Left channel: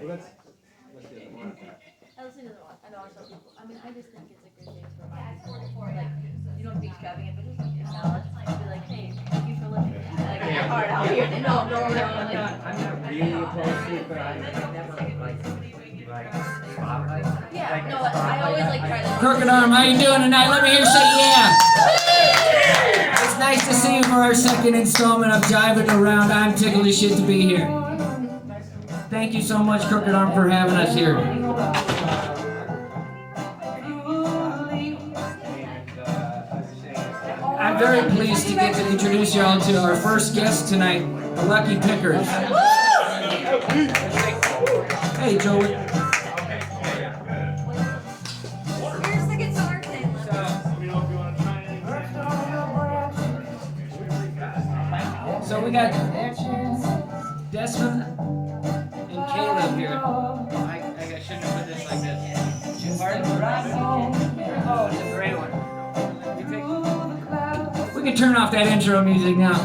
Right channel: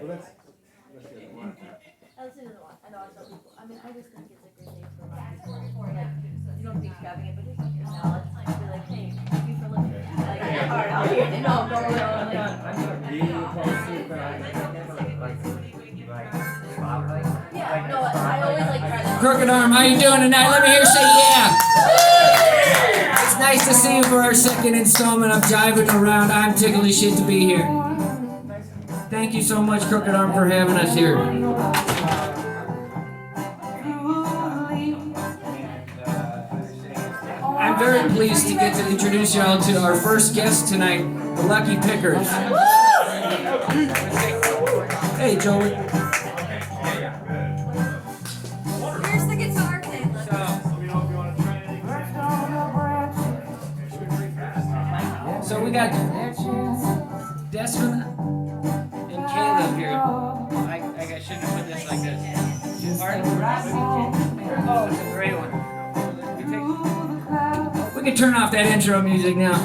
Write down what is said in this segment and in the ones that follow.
Allison doesn't want. I know I tell people. I mean, I just think it's a good day to remind people. Like, you don't be extravagant, but just like acknowledge, be like, hey, thank you for living. Like, it's hard out here. No, I'm not really opposed to it, but I never like spotlight. Yeah, like, no, I always like try to. Crooked Arm, how you doing tonight? Let me hear you say yeah. It's nice to see you for our second installment of Jive Around. I'm tickled as shit to be here. Thank you so much, Crooked Arm, for having us here. I'm very pleased to get to introduce you all to our first guest tonight, the Lucky Pickers. Hey, Joey. Here's the guitar thing. So we got Desmond and Caleb here. I shouldn't have put this like this. Pardon? Oh, it's a great one. We can turn off that intro music now.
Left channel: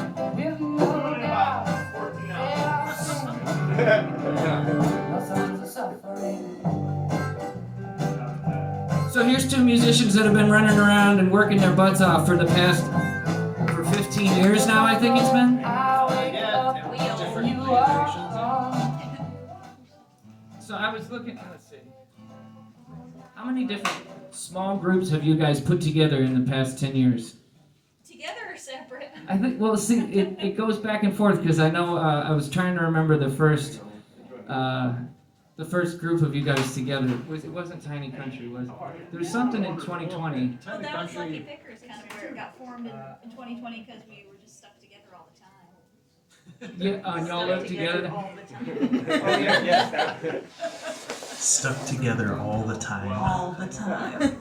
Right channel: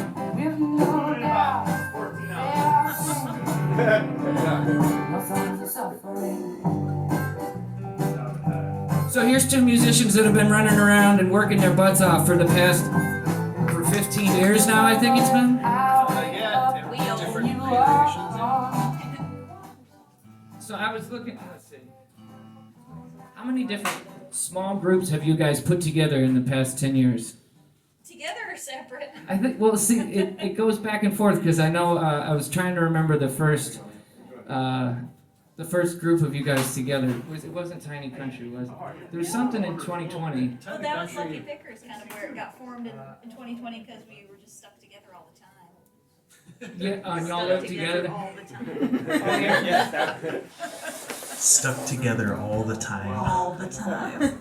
So here's two musicians that have been running around and working their butts off for the past 15 years now, I think it's been. So I was looking, let's see. How many different small groups have you guys put together in the past 10 years? Together or separate? I think, well, see, it goes back and forth because I know I was trying to remember the first group of you guys together. It wasn't Tiny Country, was it? There was something in 2020. Well, that was Lucky Pickers, kind of where it got formed in 2020 because we were just stuck together all the time. Yeah, and y'all live together? All the time. Oh, yeah. Stuck together all the time. All the time.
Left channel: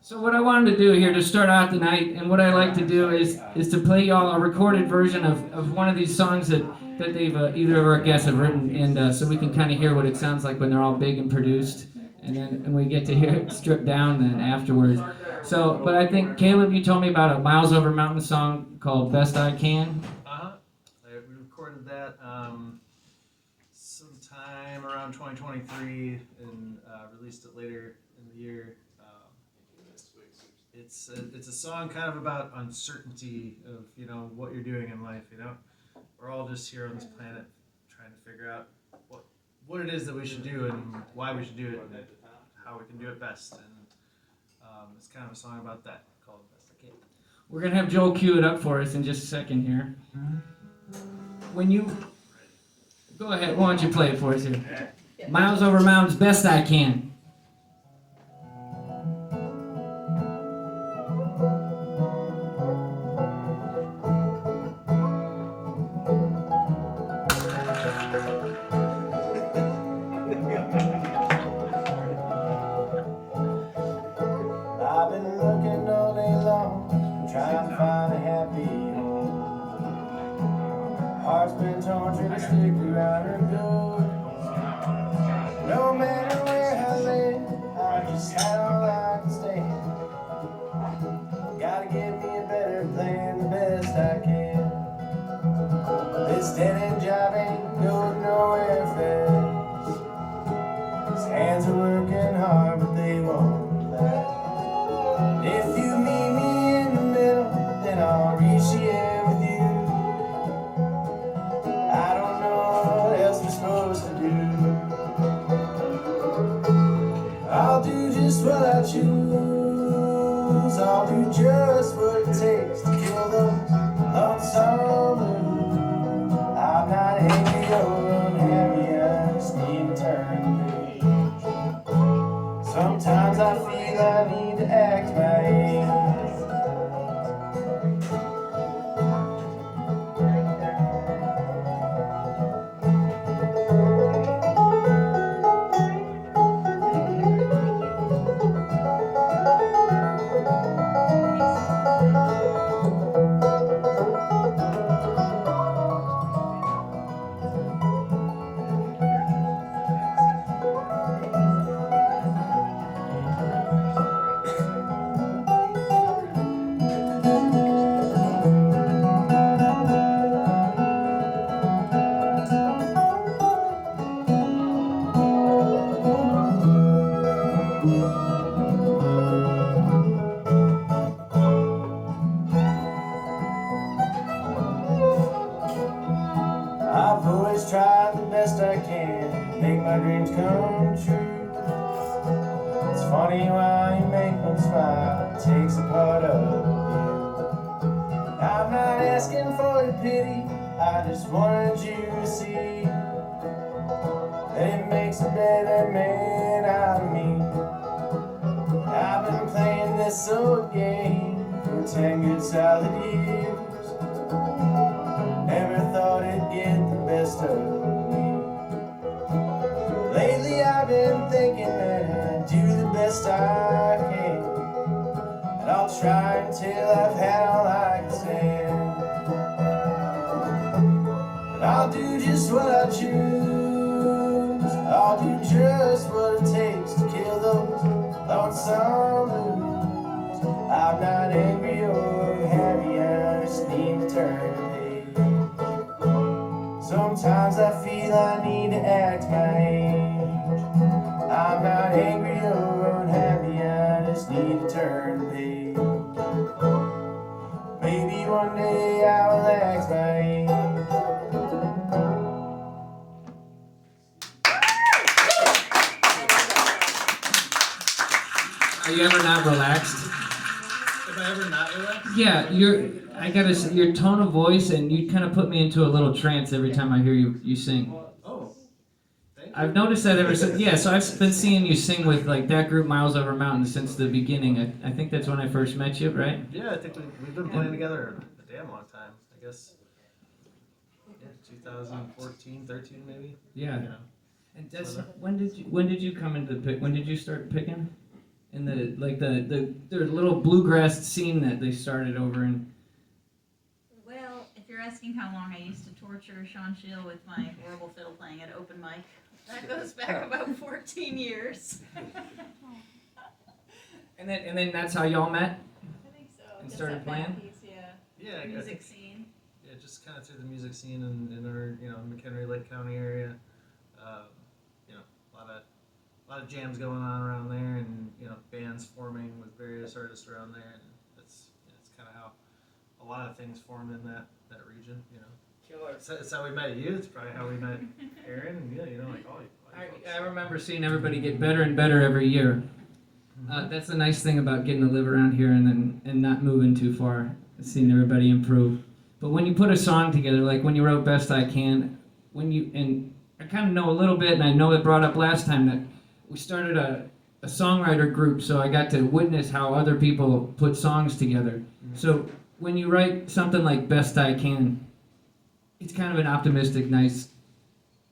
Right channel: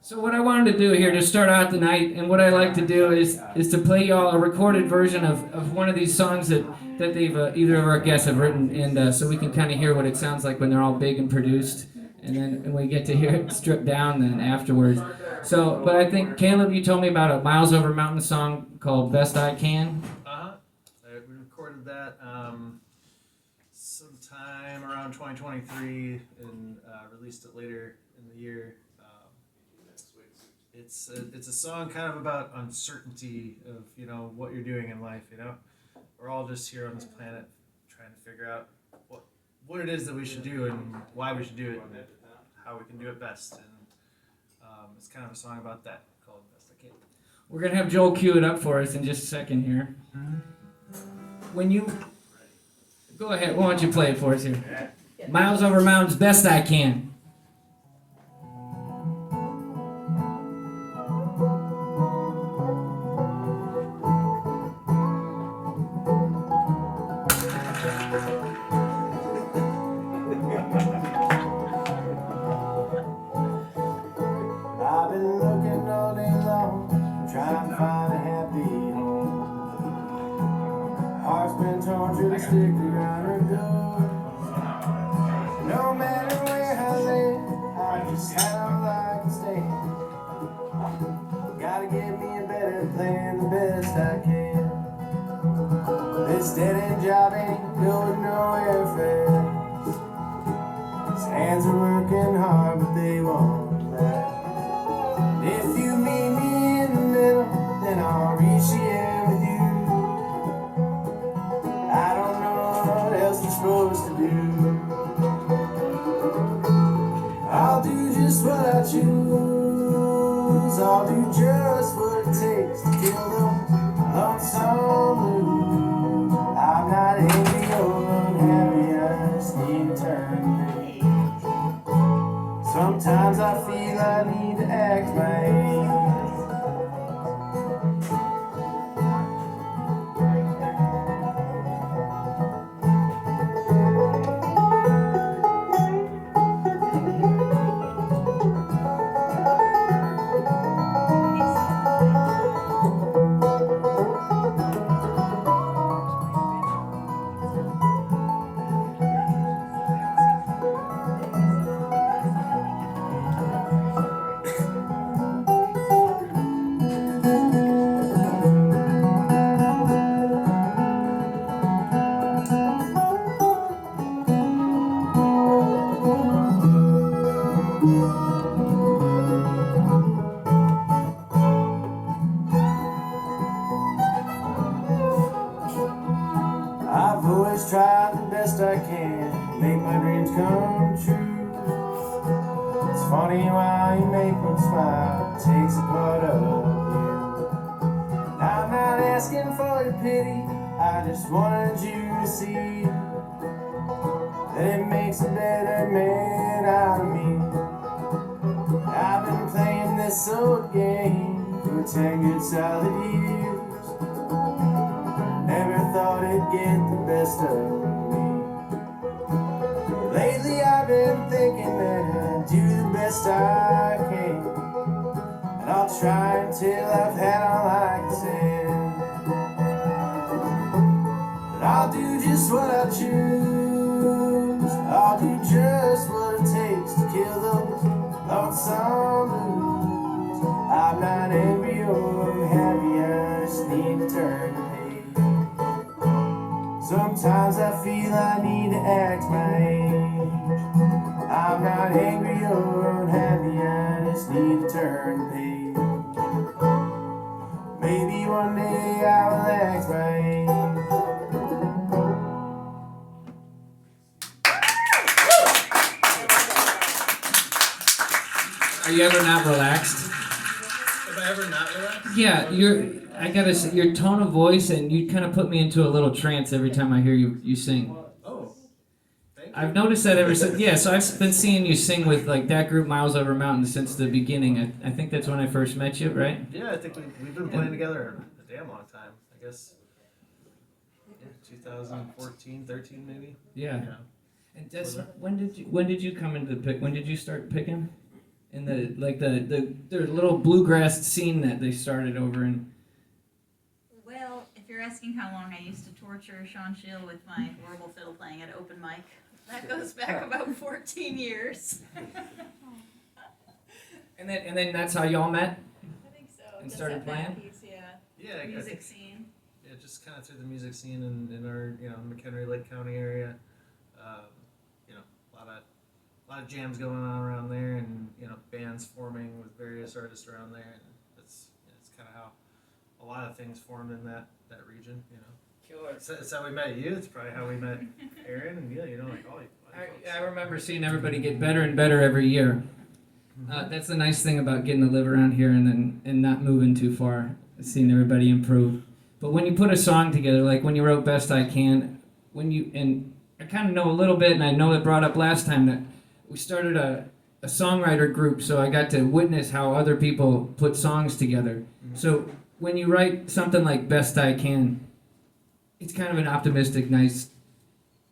So what I wanted to do here to start out the night, and what I like to do is to play y'all a recorded version of one of these songs that they've either of our guests have written, and so we can kind of hear what it sounds like when they're all big and produced, and we get to hear it stripped down then afterwards. So, but I think Caleb, you told me about a Miles Over Mountain song called Best I Can. We recorded that sometime around 2023 and released it later in the year. It's a song kind of about uncertainty of, you know, what you're doing in life, you know. We're all just here on this planet trying to figure out what it is that we should do and why we should do it and how we can do it best. And it's kind of a song about that called Best I Can. We're gonna have Joel cue it up for us in just a second here. When you go ahead, why don't you play it for us here? Miles Over Mountains, Best I Can. I've been looking all day long, trying to find a happy home. Heart's been torn, trying to stick around and go. No matter where I live, I just had all I can stand. Gotta give me a better plan, the best I can. This dead-end job ain't going nowhere fast. His hands are working hard, but they won't last. If you meet me in the middle, then I'll reach here with you. I don't know what else we're supposed come true. It's funny why you make them smile. It takes a part of you. I'm not asking for your pity. I just wanted you to see that it makes a better man out of me. I've been playing this old game for 10 good solid years. Never thought it'd get the best of me. Lately I've been thinking that I do the best I can, and I'll try until I've had all I can stand. But I'll do just what I choose. I'll do just what it takes to kill those lonesome blues. I'm not angry or happy, I just need to turn the page. Sometimes I feel I need to act my age. I'm not angry or unhappy, I just need to turn the page. Maybe one day I will act my age. Are you ever not relaxed? Have I ever not relaxed? Yeah, I gotta say, your tone of voice, and you kind of put me into a little trance every time I hear you sing. Oh, thank you. I've noticed that ever since. Yeah, so I've been seeing you sing with like that group, Miles Over Mountains, since the beginning. I think that's when I first met you, right? Yeah, I think we've been playing together a damn long time. I guess 2014, 13 maybe. Yeah. And that's, when did you come into the pick? When did you start picking? In the little bluegrass scene that they started over in. Well, if you're asking how long I used to torture Sean Shield with my horrible fiddle playing at open mic, that goes back about 14 years. And then that's how y'all met. I think so. And Just started that band playing? piece, yeah. Yeah, I Music think, scene. yeah, just kind of through the music scene in our McHenry Lake County area. A lot of jams going on around there, and bands forming with various artists around there, and it's kind of how a lot of things formed in that region. Killer. It's how we met you. It's probably how we met Aaron, and like all you. I remember seeing everybody get better and better every year. That's the nice thing about getting to live around here and not moving too far, seeing everybody improve. But when you put a song together, like when you wrote Best I Can, and I kind of know a little bit, and I know it brought up last time that we started a songwriter group, so I got to witness how other people put songs together. So when you write something like Best I Can, it's kind of an optimistic, nice,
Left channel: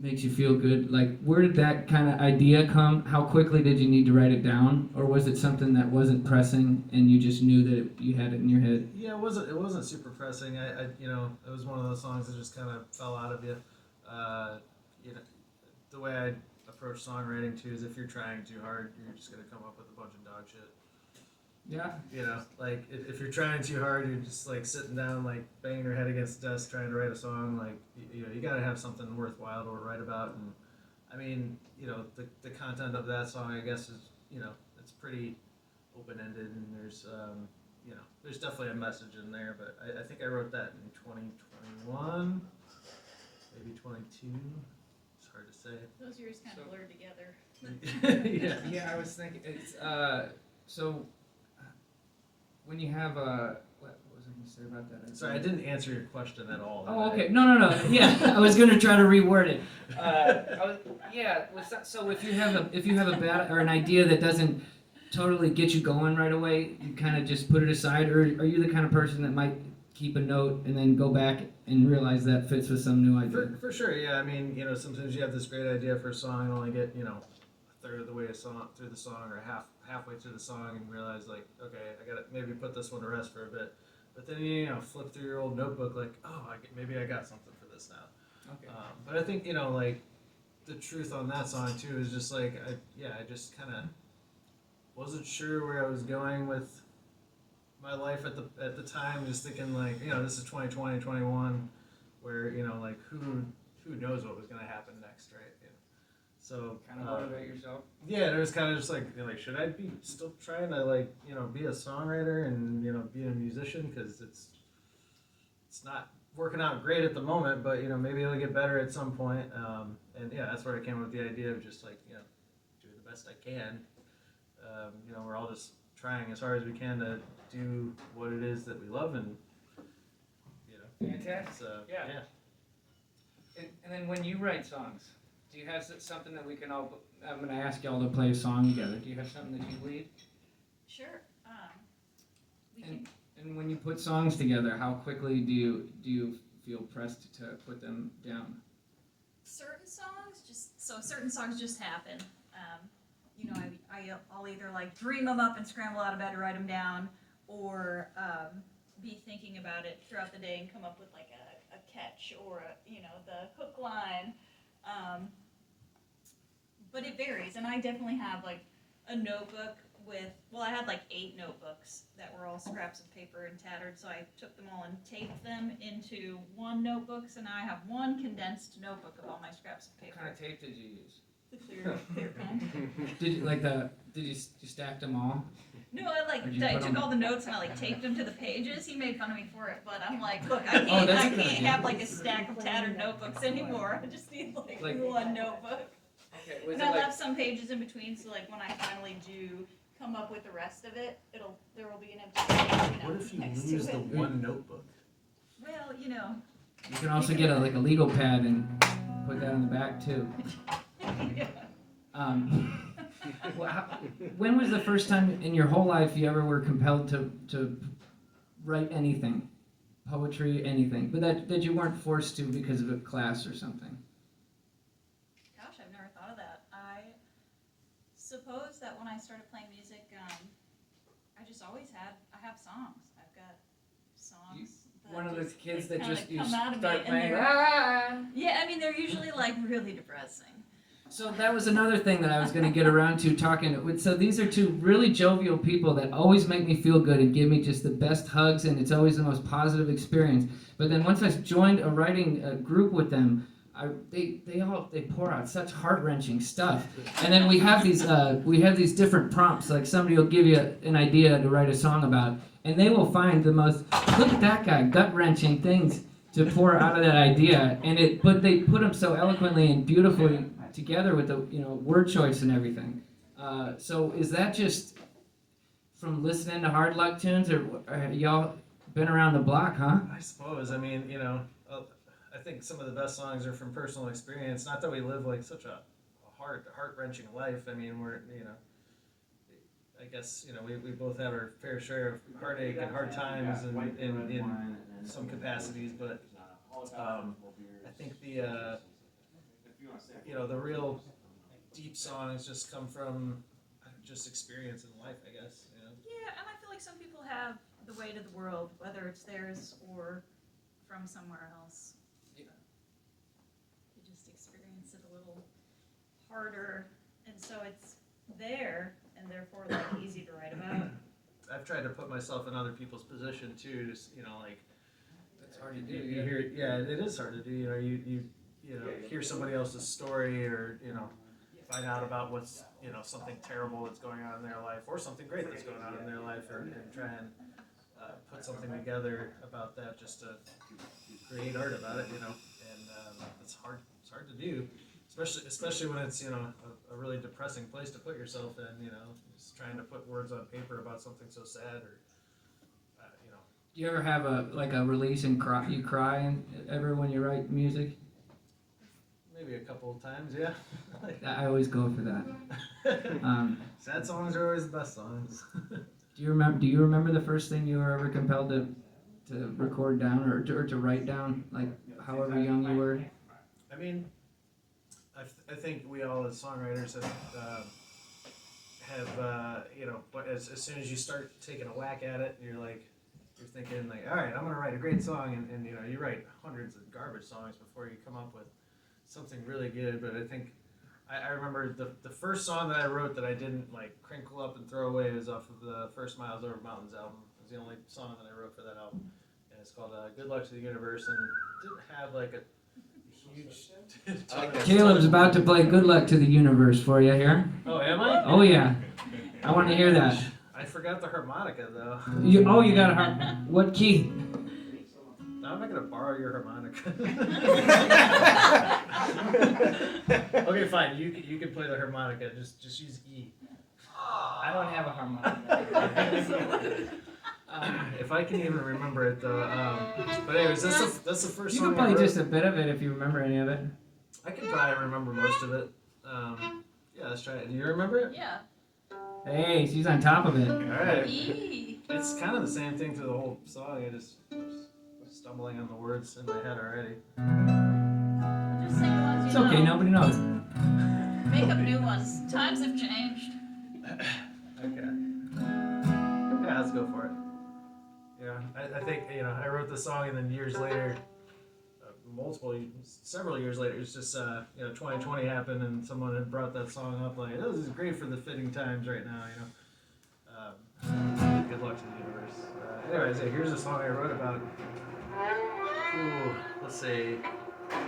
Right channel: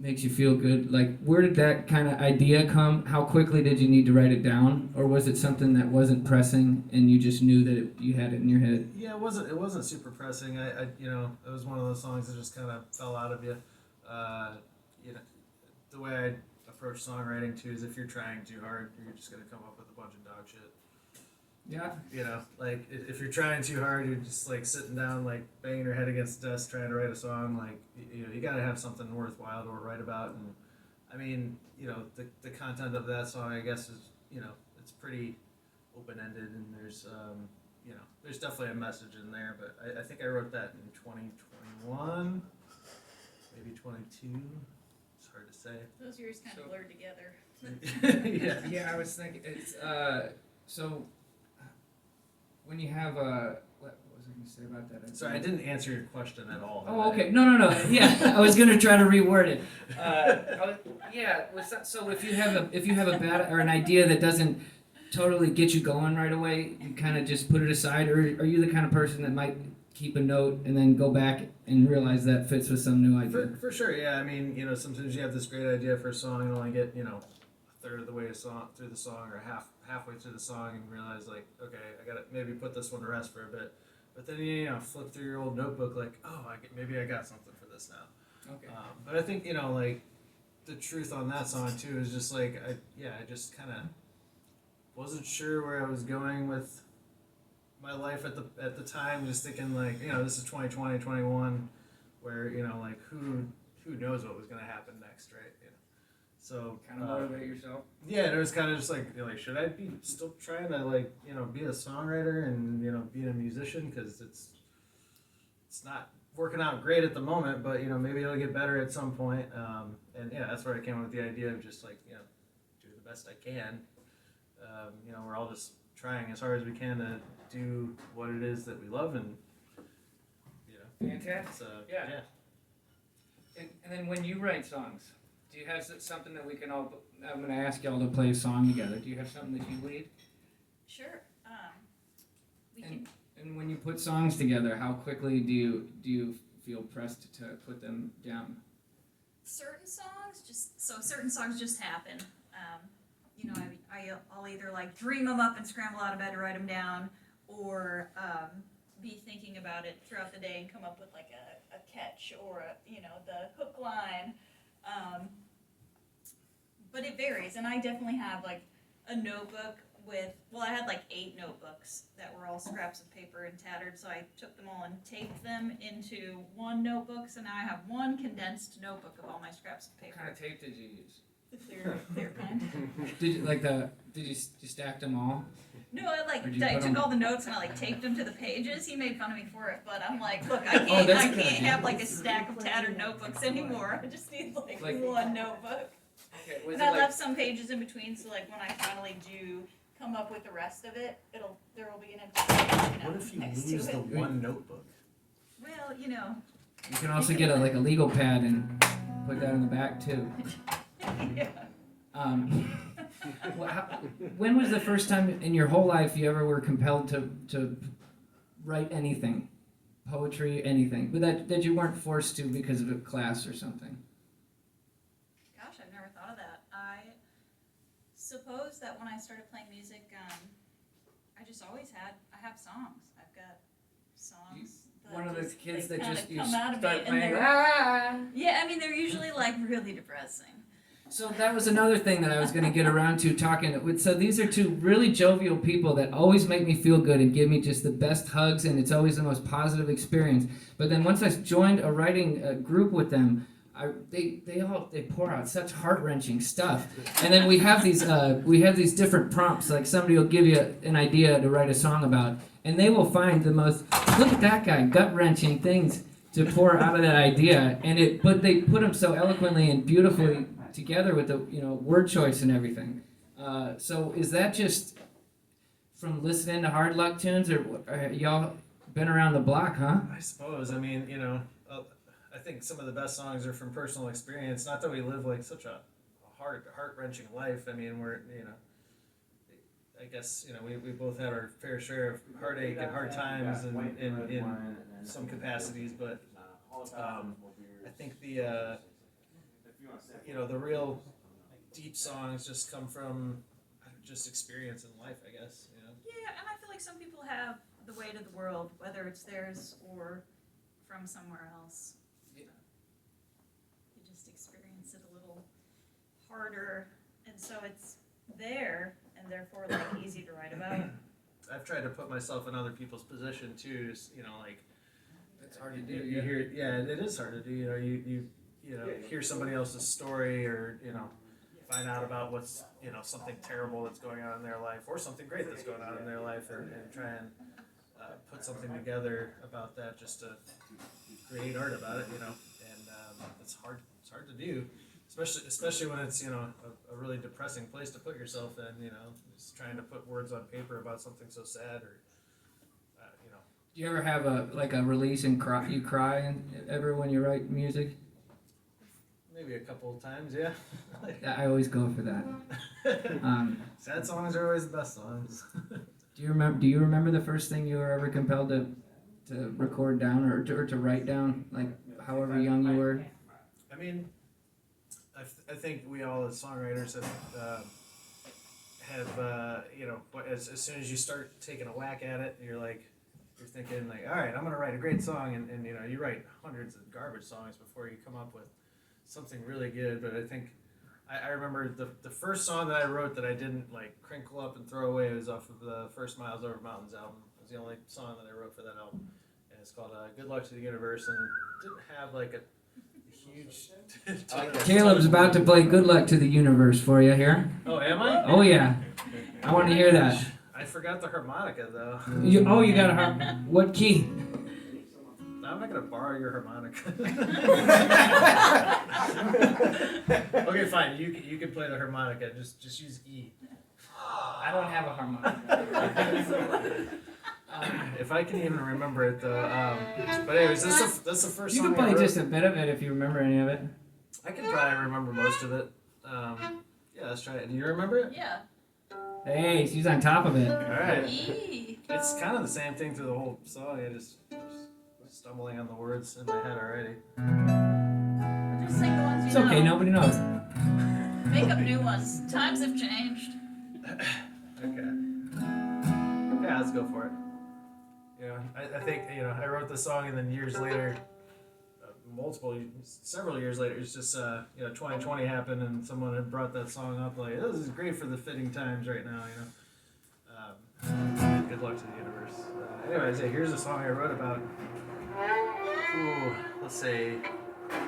makes you feel good. Like, where did that kind of idea come? How quickly did you need to write it down? Or was it something that wasn't pressing and you just knew that you had it in your head? Yeah, it wasn't super pressing. It was one of those songs that just kind of fell out of you. The way I approach songwriting too is if you're trying too hard, you're just gonna come up with a bunch of dog shit. Yeah. Like if you're trying too hard, you're just like sitting down, like banging your head against the desk trying to write a song. Like you gotta have something worthwhile to write about. And I mean, the content of that song, I guess, is it's pretty open ended, and there's definitely a message in there. But I think I wrote that in 2021, maybe 22. Hard to say. Those years kind of blurred together. Yeah. Yeah, I was thinking, it's, so, when you have what was I going to say about that? Sorry, I didn't answer your question at all. Oh, okay. No. Yeah, I was going to try to reword it. So if you have a bad or an idea that doesn't totally get you going right away, you kind of just put it aside, or are you the kind of person that might keep a note and then go back and realize that fits with some new idea? For sure, yeah. I mean, sometimes you have this great idea for a song and only get, a third of the way through the song or halfway through the song and realize, like, okay, I gotta maybe put this one to rest for a bit. But then you flip through your old notebook, like, oh, maybe I got something for this now. Okay. But I think like the truth on that song too is just like I just kind of wasn't sure where I was going with my life at the time, just thinking like, this is 2020, 21, where, like who knows what was going to happen next, right? So Kind of motivate yourself. Yeah, it was kind of just like should I be still trying to be a songwriter and be a musician, because it's not working out great at the moment, but you know, maybe it'll get better at some point. And yeah, that's where I came up with the idea of just like, you know, do the best I can. You know, we're all just trying as hard as we can to do what it is that we love, and you know, Fantastic. so Yeah. yeah. And then when you write songs, do you have something that we can all? I'm going to ask y'all to play a song together. Do you have something that you lead? Sure. We And- can. And when you put songs together, how quickly do you feel pressed to put them down? Certain songs just happen. You know, I'll either like dream them up and scramble out of bed to write them down, or be thinking about it throughout the day and come up with like a catch or the hook line. But it varies, and I definitely have like a notebook I had like 8 notebooks that were all scraps of paper and tattered, so I took them all and taped them into one notebook, so now I have one condensed notebook of all my scraps of What paper. kind of tape did you use? The clear kind. Did you stack them all? No, I Or did you I put took 'em- all the notes and I like taped them to the pages. He made fun of me for it, but I'm like, look, I Oh, can't that's a good idea. have like a stack of tattered notebooks anymore. I just need like one notebook. Okay, was And it I like, left some pages in between, so like when I finally do come up with the rest of it, there will be an empty page, What if you next lose to the it. one notebook? Well, you know. you can also get a legal pad and put that on the back too. Yeah. When was the first time in your whole life you ever were compelled to write anything, poetry, anything, but that you weren't forced to because of a class or something? Gosh, I've never thought of that. I suppose that when I started playing music, I just always I have songs. I've got songs. One of those just, kids like, that kinda just you come out of start me, and playing. they're- "Ah!" Yeah, I mean they're usually like really depressing. So that was another thing that I was going to get around to talking with. So these are two really jovial people that always make me feel good and give me just the best hugs, and it's always the most positive experience. But then once I joined a writing group with them, they pour out such heart-wrenching stuff. And then we have these different prompts. Like somebody will give you an idea to write a song about, and they will find the most, look at that guy, gut-wrenching things to pour out of that idea. But they put them so eloquently and beautifully together with the word choice and everything. So is that just from listening to Hard Luck tunes, or y'all been around the block, huh? I suppose. I mean, I think some of the best songs are from personal experience. Not that we live like such a heart-wrenching life. I mean, I guess we both had our fair share of heartache and hard times in some capacities, but I think the real deep songs just come from just experience in life, I guess. Yeah, and I feel like some people have the weight of the world, whether it's theirs or from somewhere else. You just experience it a little harder, and so it's there, and therefore like easy to write about. I've tried to put myself in other people's position too. Just, That's hard to do. you hear, it is hard to do. You hear somebody else's story, or find out about what's something terrible that's going on in their life, or something great that's going on in their life, and try and put something together about that, just to create art about it. And it's hard to do, especially when it's a really depressing place to put yourself in. Just trying to put words on paper about something so sad, or Do you ever have a release and cry? You cry ever when you write music? maybe a couple of times, yeah. I always go for that. Sad songs are always the best songs. Do you remember the first thing you were ever compelled to record down or to write down, like however young you were? I mean, I think we all as songwriters as soon as you start taking a whack at it, you're thinking like, all right, I'm gonna write a great song, and you write hundreds of garbage songs before you come up with something really good. But I think I remember the first song that I wrote that I didn't crinkle up and throw away was off of the first Miles Over Mountains album. It was the only song that I wrote for that album, and it's called Good Luck to the Universe, and it didn't have a huge I like that. Caleb's about to play "Good Luck to the Universe" for you here. Oh, am I? Oh yeah, I want to hear that. I forgot the harmonica though. You got a harp. What key? I'm not gonna borrow your harmonica. Okay, fine. You can play the harmonica. Just use E. I don't have a harmonica. If I can even remember it though. But anyways, that's the first You song can I play wrote. just a bit of it if you remember any of it. I can probably remember most of it. Yeah, let's try it. Do you remember it? Yeah. Hey, she's on top of it. All right. Eee. It's kind of the same thing through the whole song. I just was stumbling on the words in my head already. Just sing the ones you It's know. okay, nobody knows. Make up new ones. Times have changed. Okay. Yeah, let's go for it. I think, I wrote the song and then years later, several years later, it's just, 2020 happened and someone had brought that song up like, this is great for the fitting times right now, Good luck to the universe. Anyways, here's a song I wrote about, let's say,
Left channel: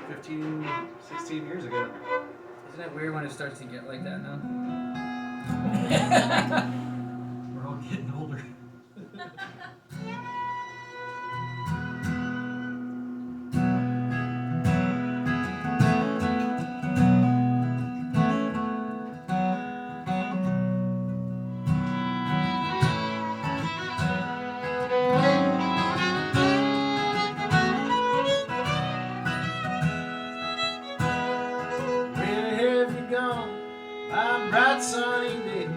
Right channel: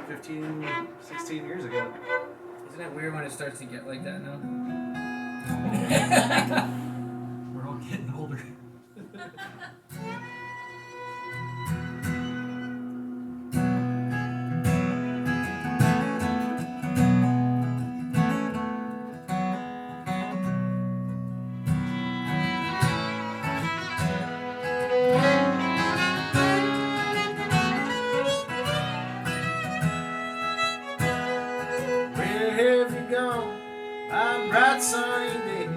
15, 16 years ago. Isn't it weird when it starts to get like that now? We're all getting older. Where have you gone? My bright sunny day.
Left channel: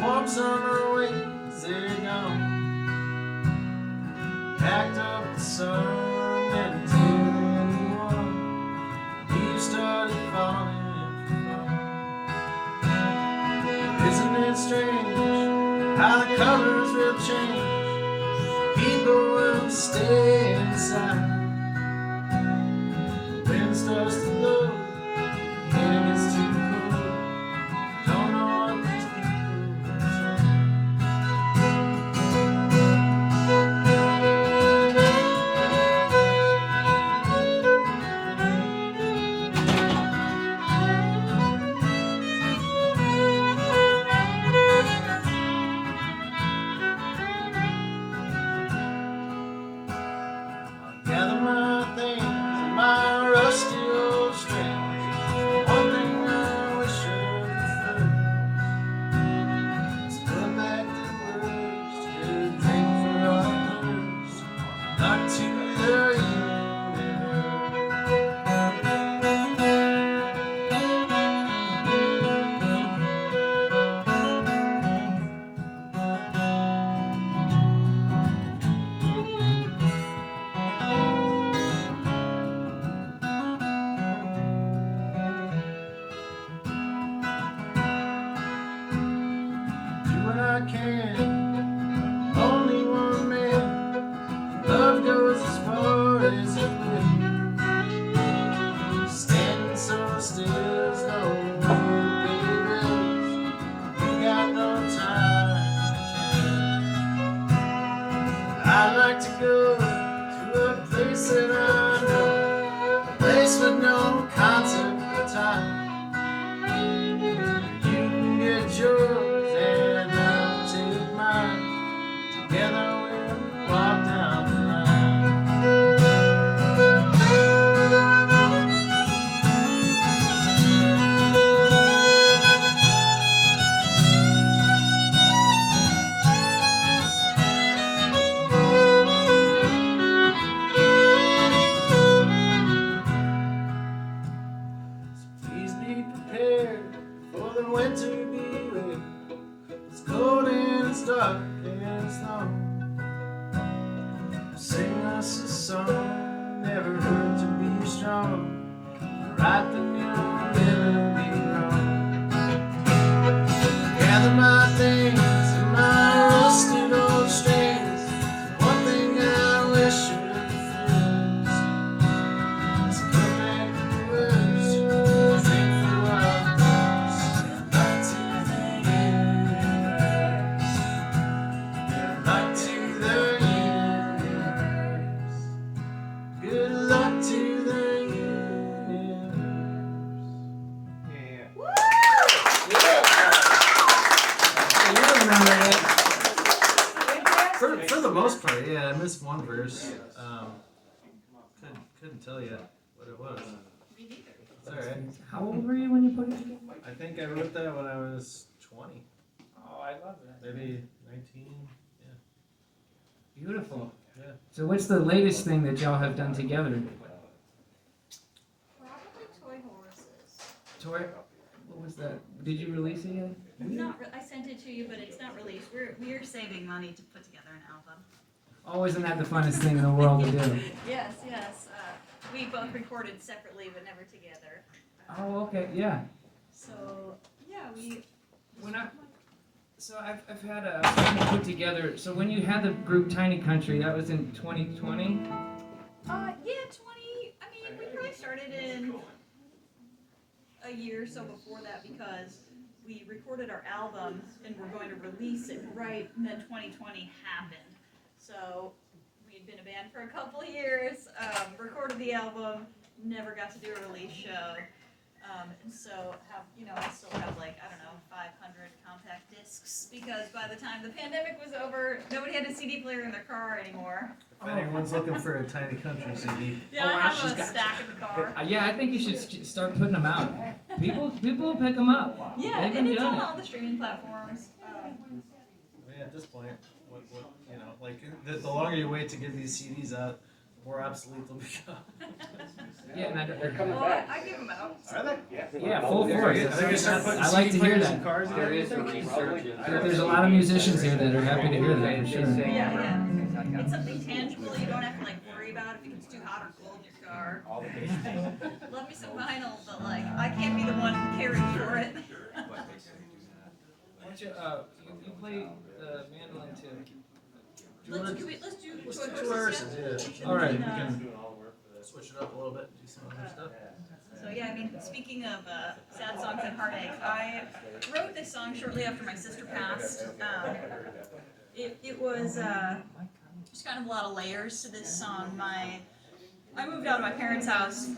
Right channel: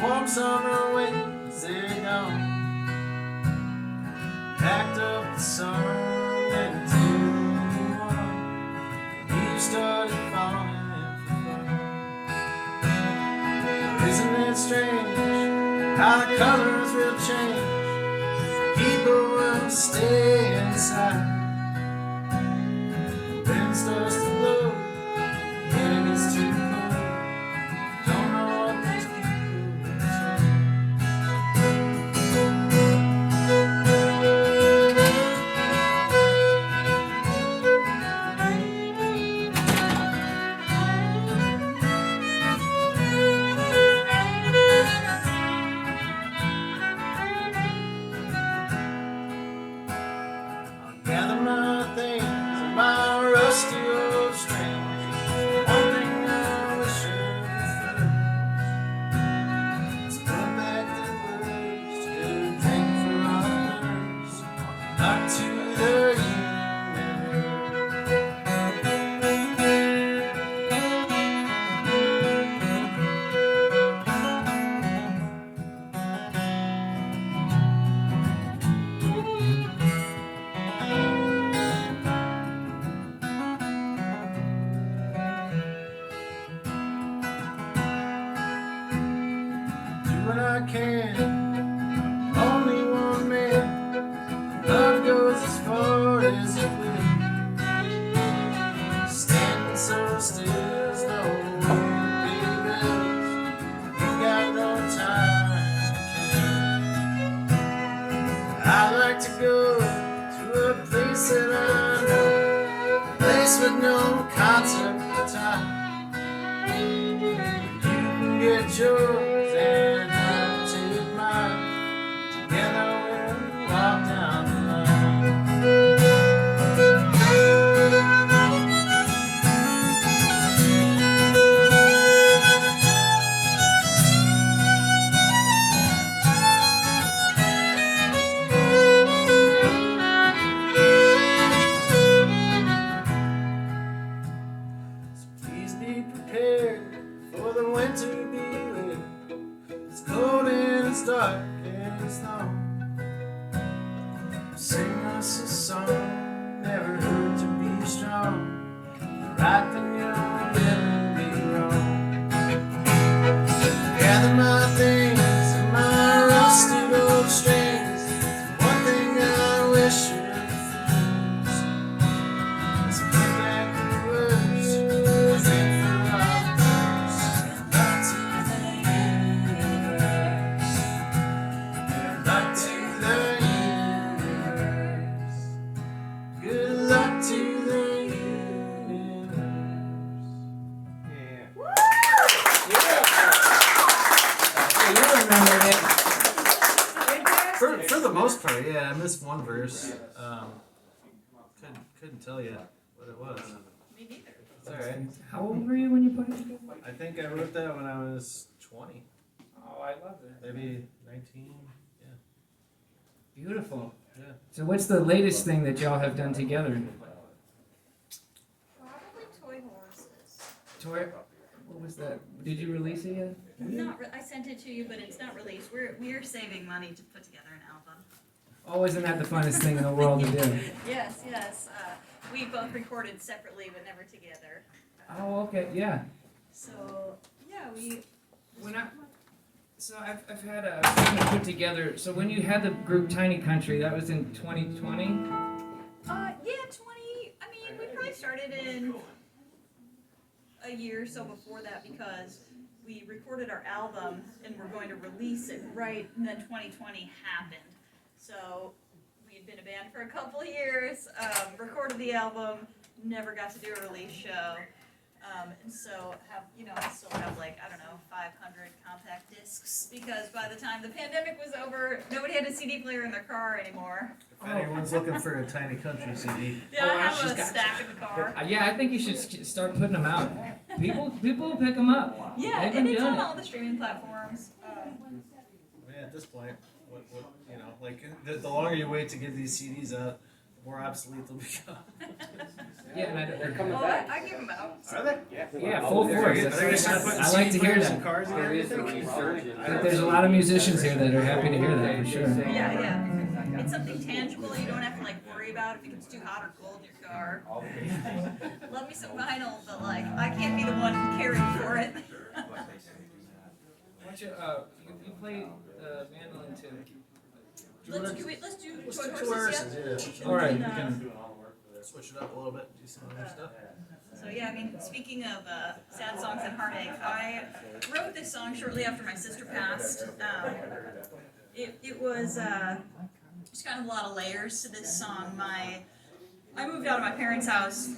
Warm summer winds, they're gone. Packed up the sun and anyone. You started falling for fun. Isn't it strange how the colors will change? People will stay inside. Wind starts to blow, and it gets too cold. Don't know what these people say. I'll gather my things and my rusty old strings. One thing I wish I could is put back the words to drink for others, not to the do what I can. Only one man. Love goes as far as it will. Standing so still, there's no way to pay bills. You got no time. I like to go to a place that I know, a place with no concept of time. You can get yours and I'll take mine. Together we'll walk down the line. So please be prepared for the winter to be with. It's cold and it's dark and it's long. Sing us a song, never hurt to be strong. Right when you'll never be wrong. So gather my things and my rusty old strings. One thing I wish you is put back the words to drink for others, not to the universe, not to the universe. Good luck to the universe. Yeah. Hey, you remember it. For the most part, yeah. I missed one verse. tell you what it was. Me neither. It's alright. How old were you when you put it together? I think I wrote that when I was 20, Oh, I love that. maybe 19. Beautiful. Yeah. So what's the latest thing that y'all have done together? Probably toy horses. Toy? What was that? Did you release it yet? I sent it to you, but it's not released. We're saving money to put together an album. Oh, isn't that the funnest thing in the world to do? Yes, yes. We both recorded separately, but never together. Oh, okay, yeah. So yeah, So I've had a something put together. So when you had the group Tiny Country, that was in 2020. Yeah, 20. I mean, we probably started in a year or so before that because we recorded our album and we're going to release it right, and then 2020 happened. So we had been a band for a couple of years, recorded the album, never got to do a release show. And so I still have 500 compact discs because by the time the pandemic was over, nobody had a CD player in their car anymore. If anyone's looking for a Tiny Country CD, Yeah, I have a stack in the car. Yeah, I think you should start putting them out. People will pick them up. Yeah, They've and been it's doing on it. all the streaming platforms. I mean, at this point, the longer you wait to get these CDs out, the more obsolete they'll become. Yeah, and They're coming back. I give them out. Are they? Yeah, full force. I like to hear that. Cars There is some research. There's a lot of musicians here that are happy to hear that for sure. Yeah. It's something tangible. You don't have to worry about if it gets too hot or cold in your car. Love me some vinyl, but I can't be the one caring for it. Why don't you play mandolin too? Let's do toy horses. Yeah. All right. And, We can switch it up a little bit, do some other stuff. So yeah, I mean, speaking of sad songs and heartache, I wrote this song shortly after my sister passed. It was just kind of a lot of layers to this song. I moved out of my parents' house,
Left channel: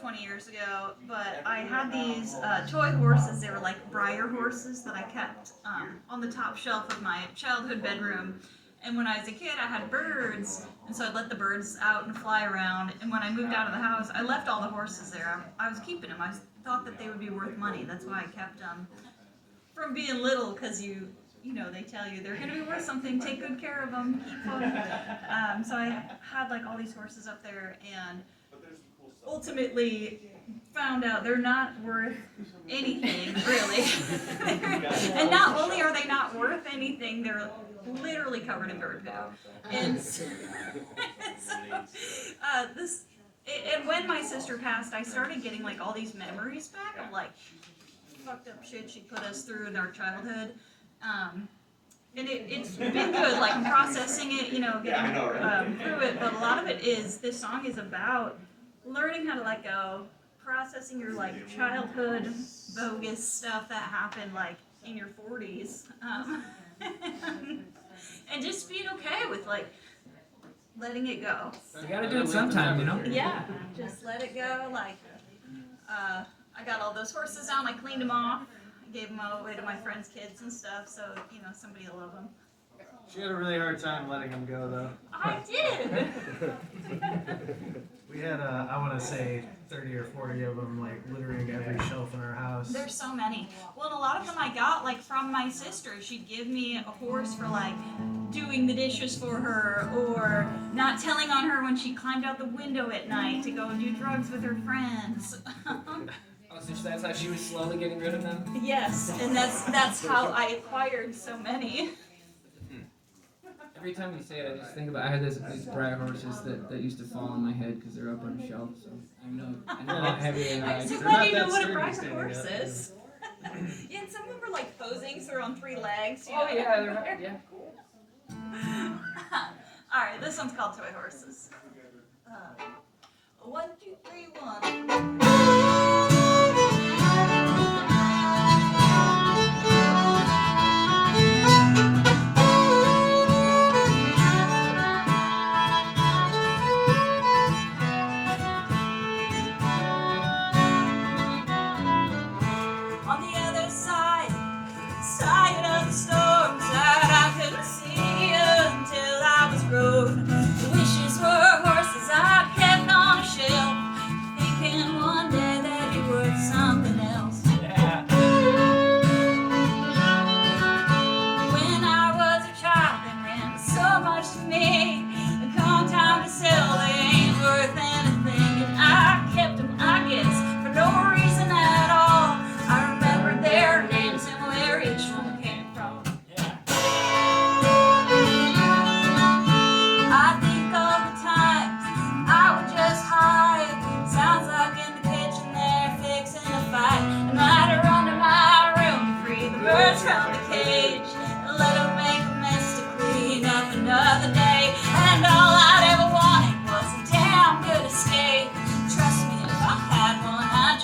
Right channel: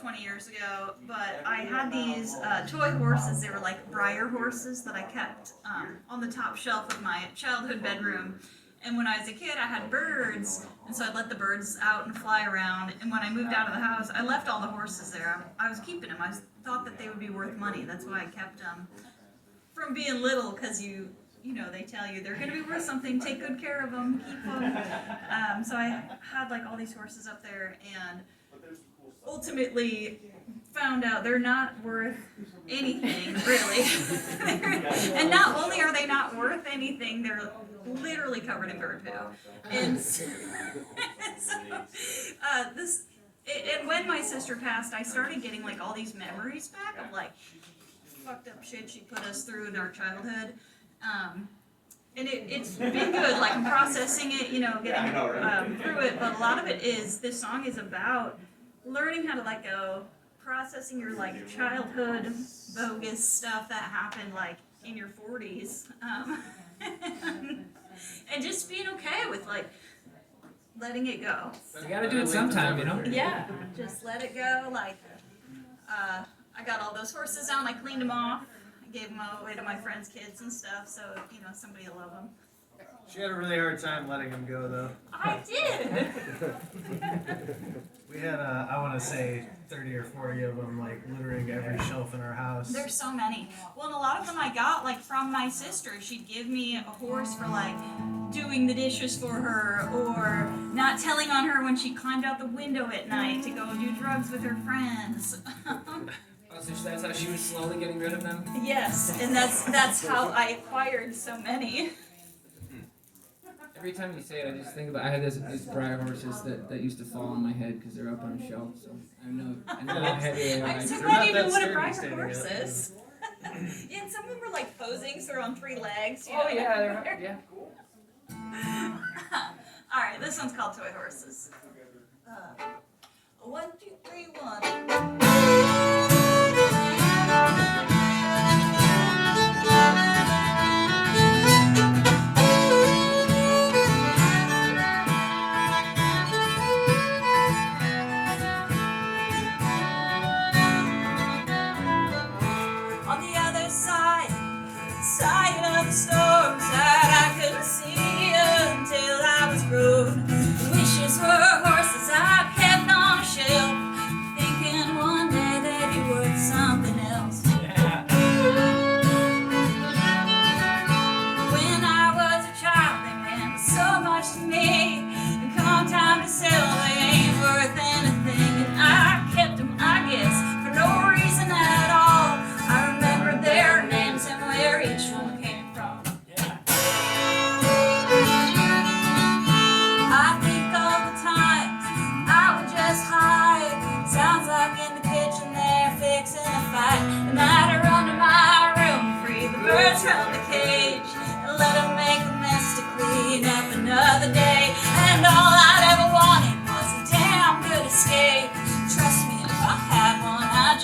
20 years ago, but I had these toy horses. They were like Breyer horses that I kept on the top shelf of my childhood bedroom. And when I was a kid, I had birds, and so I'd let the birds out and fly around. And when I moved out of the house, I left all the horses there. I was keeping them. I thought that they would be worth money. That's why I kept them. From being little, because they tell you they're going to be worth something. Take good care of them. Keep them. So I had all these horses up there, and ultimately found out they're not worth anything, really. And not only are they not worth anything, they're literally covered in bird poo. And and when my sister passed, I started getting all these memories back of fucked up shit she put us through in our childhood. And it's been good, I'm processing it, getting through it. But a lot of it is, this song is about learning how to let go, processing your childhood bogus stuff that happened in your 40s, and just being okay with letting it go. You gotta do it sometime, Yeah, just let it go. I got all those horses out, I cleaned them off, I gave them away to my friends' kids and stuff, so somebody will love them. She had a really hard time letting them go, though. I did. We had, I want to say, 30 or 40 of them, littering every shelf in our house. There's so many. Well, and a lot of them I got from my sister. She'd give me a horse for doing the dishes for her, or not telling on her when she climbed out the window at night to go and do drugs with her friends. Oh, so that's how she was slowly getting rid of them? Yes, and that's how I acquired so many. Every time you say it, I just think about I had these Breyer horses that used to fall on my head because they're up on a shelf. So I know how heavy they are. I'm so They're glad not you know that what a sturdy Breyer standing horse up. is. Yeah, and some of them were posing, so they're on 3 legs. Oh yeah, they're yeah. All right, this one's called Toy Horses. 1, 2, 3, 1. On the other side of the storms that I couldn't see until I was grown. Wishes were horses I'd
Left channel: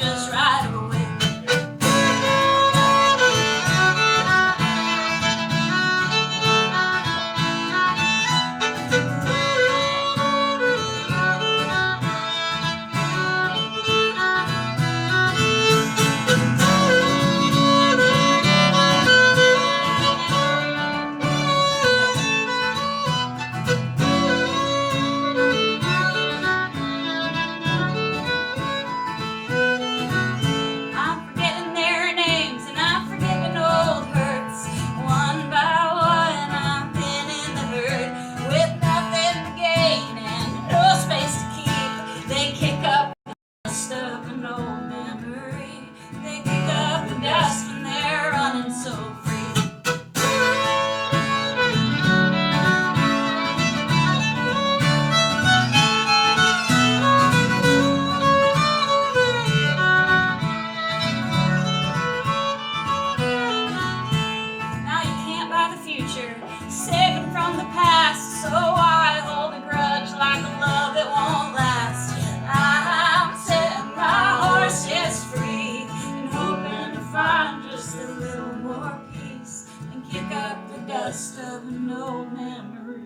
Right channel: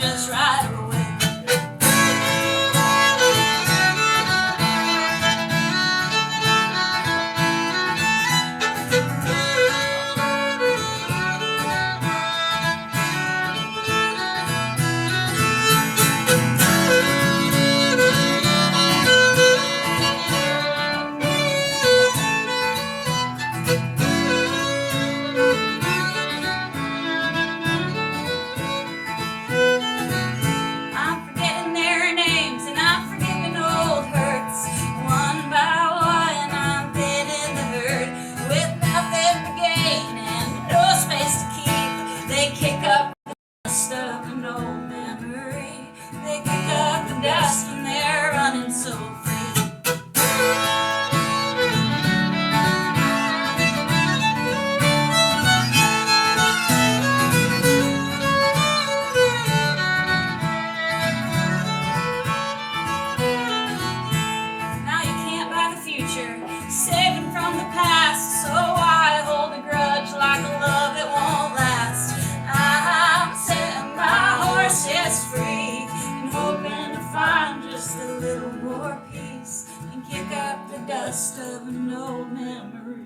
just right away. I'm forgetting their names and I'm forgiving old hurts. One by one I'm thinning the herd with nothing to gain and no space to keep. They kick up the dust of an old memory. They kick up the dust and they're running so free. Now you can't buy the future, saving from the past. So I hold a grudge like a love that won't last. I'm setting my horse just free and hoping to find just a little more peace and kick up the dust of an old memory.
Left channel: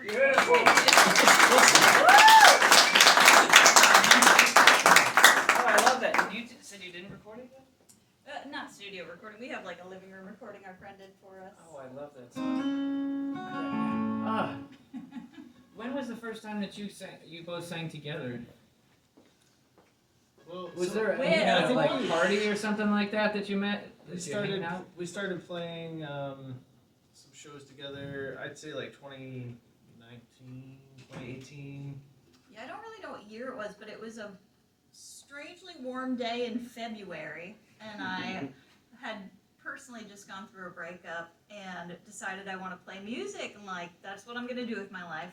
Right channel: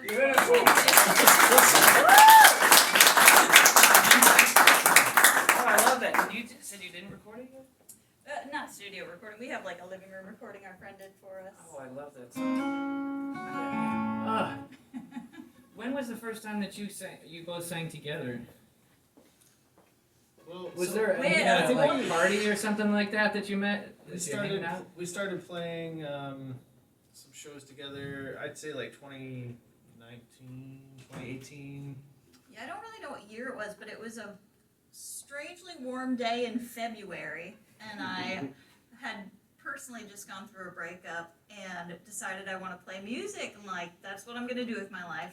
Beautiful. Listen, Oh, I love that. You said you didn't record it yet? Not studio recording. We have like a living room recording our friend did for us. Oh, I love that song. When was the first time that you both sang together? well, Was so there Wait, any I think like party or something like that you met? we started playing some shows together. I'd say like 2019, 2018. Yeah, I don't really know what year it was, but it was a strangely warm day in February, and I had personally just gone through a breakup and decided I want to play music. I'm like, that's what I'm gonna do with my life.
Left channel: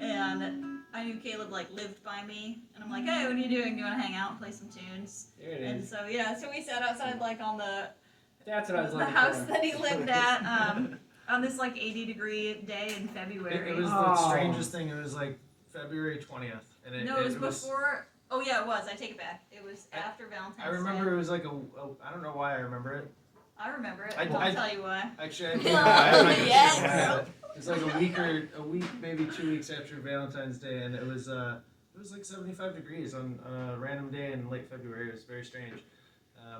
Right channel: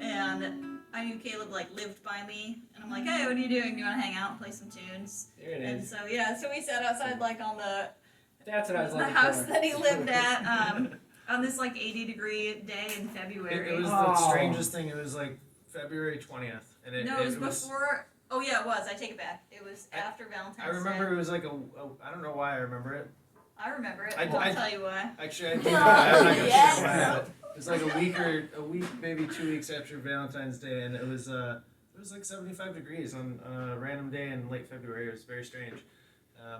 And I knew Caleb like lived by me, and I'm like, hey, what are you doing? Do you want to hang out and play some tunes? There it And is. so yeah, so we sat outside like on the That's what I was the looking house for. that he lived at on this like 80-degree day in February. It was the Oh. strangest thing. It was like February 20th, and No, it was before. Oh yeah, it was. I take it back. It was after Valentine's I remember Day. it was like I don't know why I remember it. I remember it. I- I'll I- tell you why. Actually, I Oh, think I'm not yes. sure why. It was like a week, maybe 2 weeks after Valentine's Day, and it was like 75 degrees on a random day in late February. It was very strange.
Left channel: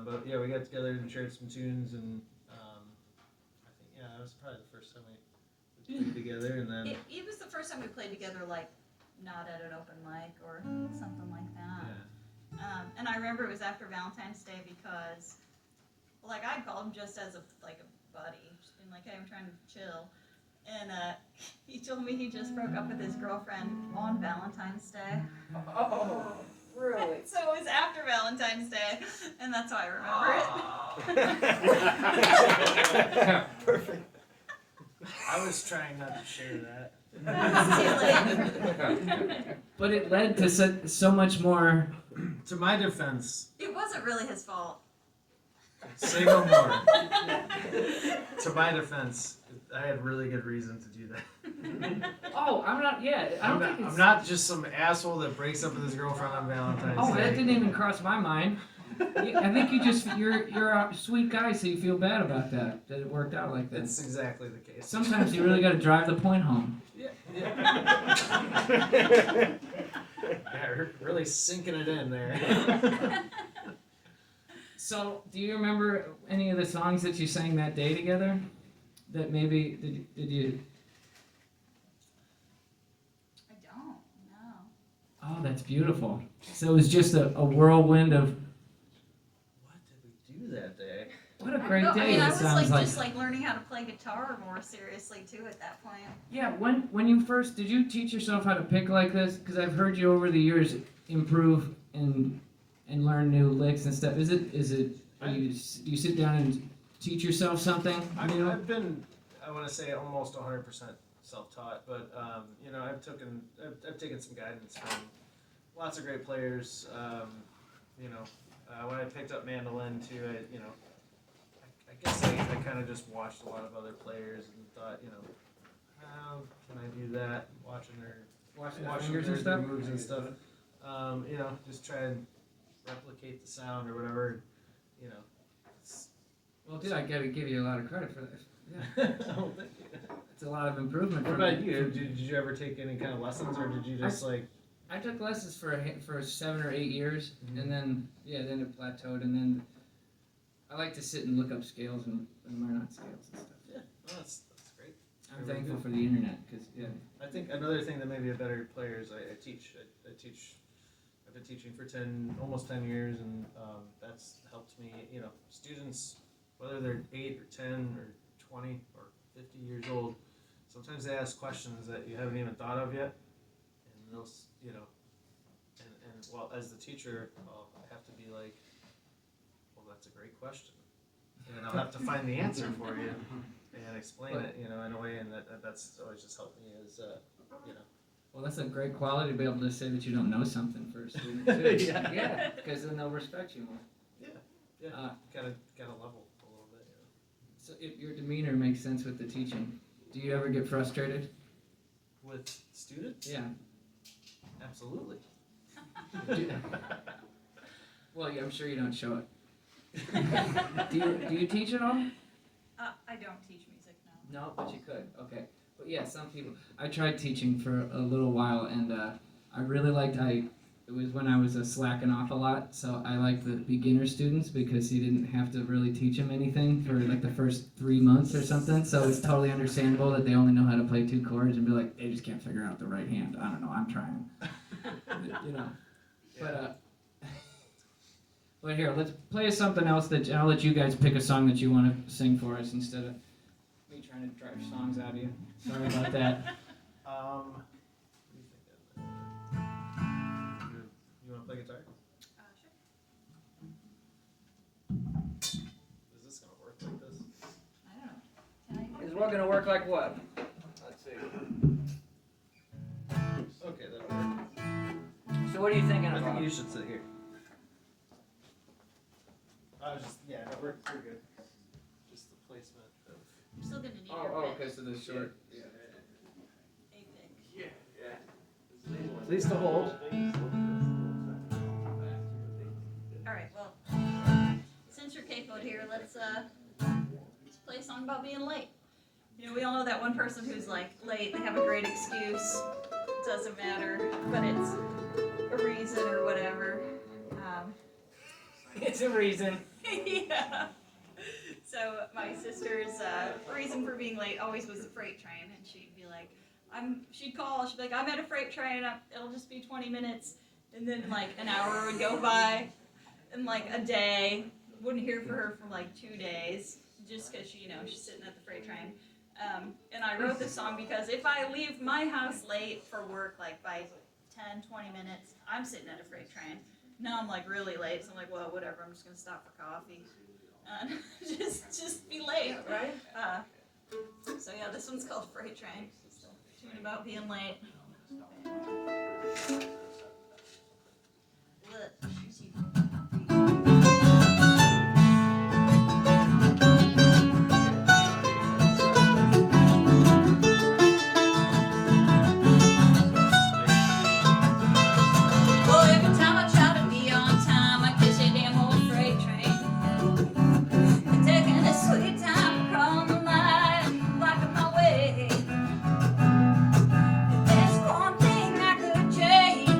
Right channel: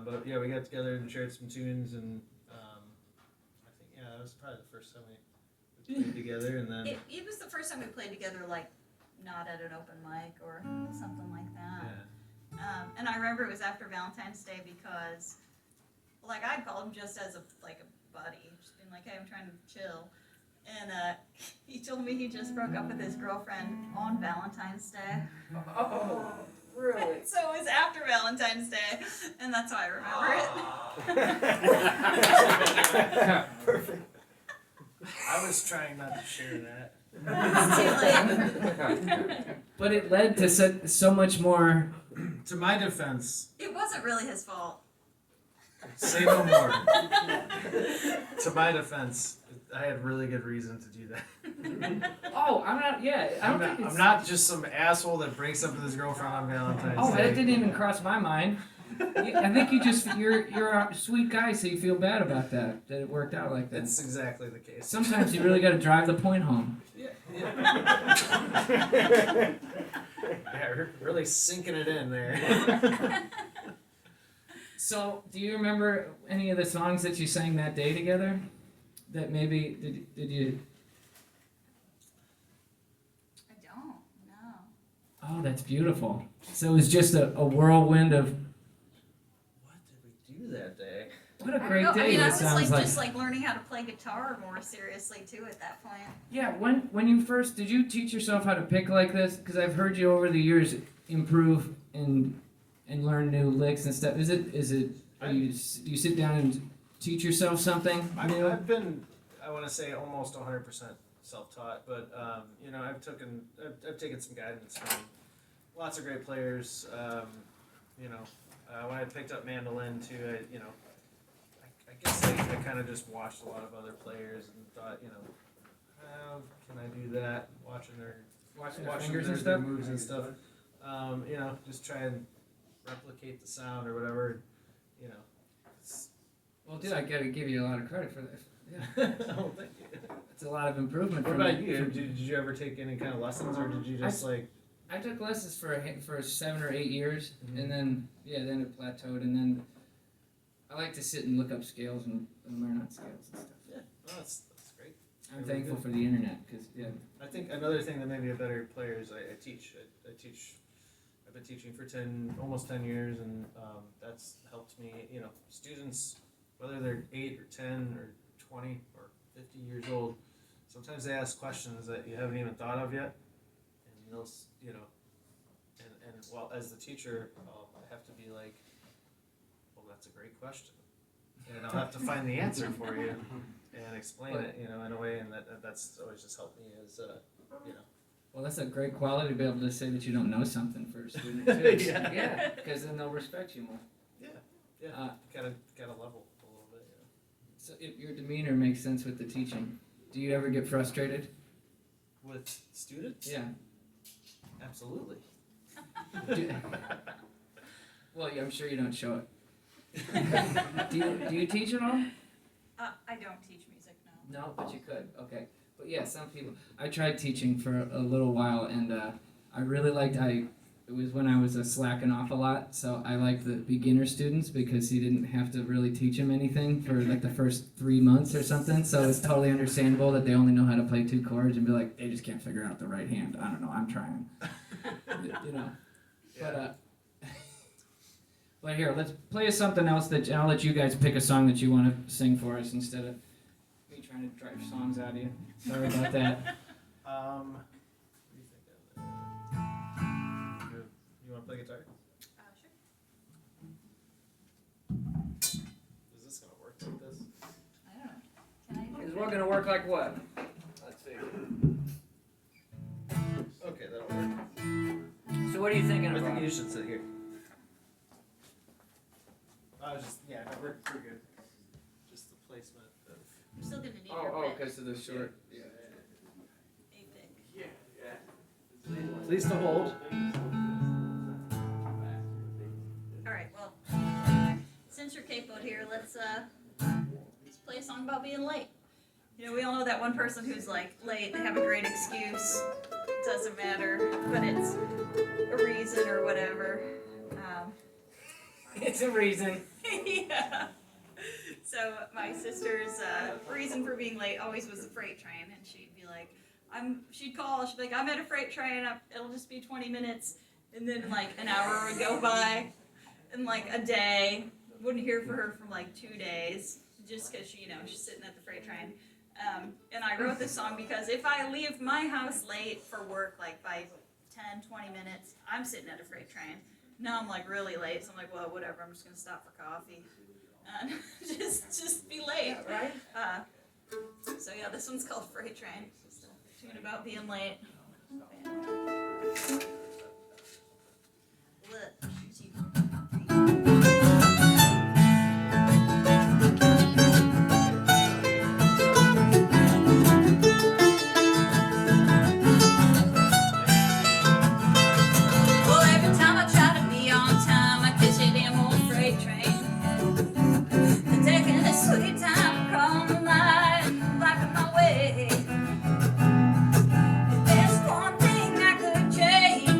But yeah, we got together and shared some tunes, and I think that was probably the first time we played together, and then It was the first time we played together, like not at an open mic or something like that. yeah. And I remember it was after Valentine's Day because, like, I'd called him just as a buddy, just being like, hey, I'm trying to chill. And he told me he just broke up with his girlfriend on Valentine's Day. Oh, really? So it was after Valentine's Day, and that's why I remember it. Perfect. I was trying not to share that. But it led to so much more. To my defense, It wasn't really his fault. say no more. To my defense, I had really good reason to do that. Oh, I'm not. Yeah, I don't think it's. I'm not just some asshole that breaks up with his girlfriend on Valentine's Oh, Day. that didn't even cross my mind. I think you're a sweet guy, so you feel bad about that it worked out like that. That's exactly the case. Sometimes you really got to drive the point home. Yeah, really sinking it in there. So, do you remember any of the songs that you sang that day together? That maybe did you? I don't know. Oh, that's beautiful. So it was just a whirlwind of. What did we do that day? What a I don't great know. day I mean, I it was sounds like. just learning how to play guitar more seriously too at that point. Yeah, when you first did you teach yourself how to pick like this? Because I've heard you over the years improve and learn new licks and stuff. Do you sit down and teach yourself something new? I've been, I want to say, almost 100% self-taught, but you know, I've taken some guidance from lots of great players. You know, when I picked up mandolin too, I guess I kind of just watched a lot of other players and thought, you know, how can I do that? Watching their fingers and their stuff? moves and stuff. You know, just try and replicate the sound or whatever. You know. Well, dude, I gotta give you a lot of credit for this. Yeah, Oh, thank you. it's a lot of improvement. What from about it. you? Did you ever take any kind of lessons, or did you just like? I took lessons for 7 or 8 years, Mhm. and then then it plateaued, and then I like to sit and look up scales and learn on scales and stuff. Yeah, well, that's great. I'm Really thankful good. for the internet because I think another thing that made me a better player is I teach. I teach. I've been teaching for almost 10 years, and that's helped me. You know, students, whether they're 8 or 10 or 20 or 50 years old, sometimes they ask questions that you haven't even thought of yet, and they'll, you know, and well, as the teacher, I have to be like, well, that's a great question, and I'll have to find the answer for you and explain it, you know, in a way, and that's always just helped me as, you know. well, that's a great quality to be able to say that you don't know something for a student too. Yeah. Because then they'll respect you more. Yeah, gotta level a little bit. You So your demeanor makes sense with the teaching. Do you ever get frustrated? know. With students? Yeah. Absolutely. Well, yeah, I'm sure you don't show it. Do you teach at all? I don't teach music now. No, but you could. Okay. But yeah, some people. I tried teaching for a little while, and I really liked. It was when I was slacking off a lot, so I liked the beginner students because you didn't have to really teach them anything for like the first 3 months or something. So it's totally understandable that they only know how to play 2 chords and be like, they just can't figure out the right hand. I don't know. I'm trying. You know. Yeah. But here, let's play something else that I'll let you guys pick a song that you want to sing for us instead of me trying to drive songs out of you. Sorry about that. What do you think? You want to play guitar? Sure. Is this gonna work like this? I don't know. Can I even Is what gonna work like what? Let's see. Okay, that'll work. So what are you thinking I about? think you should sit here. I was just, yeah, no, we're good. Just the placement of. I'm still gonna need your Oh, pitch. because of the short. Yeah. Please to hold. Alright, well, since you're capoed here, let's play a song about being late. You know, we all know that one person who's like late, they have a great excuse, it doesn't matter, but it's a reason or whatever. It's a reason. Yeah. So my sister's reason for being late always was the freight train, and she'd be like, she'd call, she'd be like, I'm at a freight train, it'll just be 20 minutes, and then like an hour would go by, and like a day, wouldn't hear from her for like 2 days, just because she's sitting at the freight train. And I wrote this song because if I leave my house late for work, like by 10, 20 minutes, I'm sitting at a freight train. Now I'm like really late, so I'm like, well, whatever, I'm just gonna stop for coffee. And just be late. Right? So yeah, this one's called Freight Train. Just a tune about being late. Well, every time I try to be on time, I catch a damn old freight train. I'm taking a sweet time, crawling the line, blocking my way. If there's one thing I could change,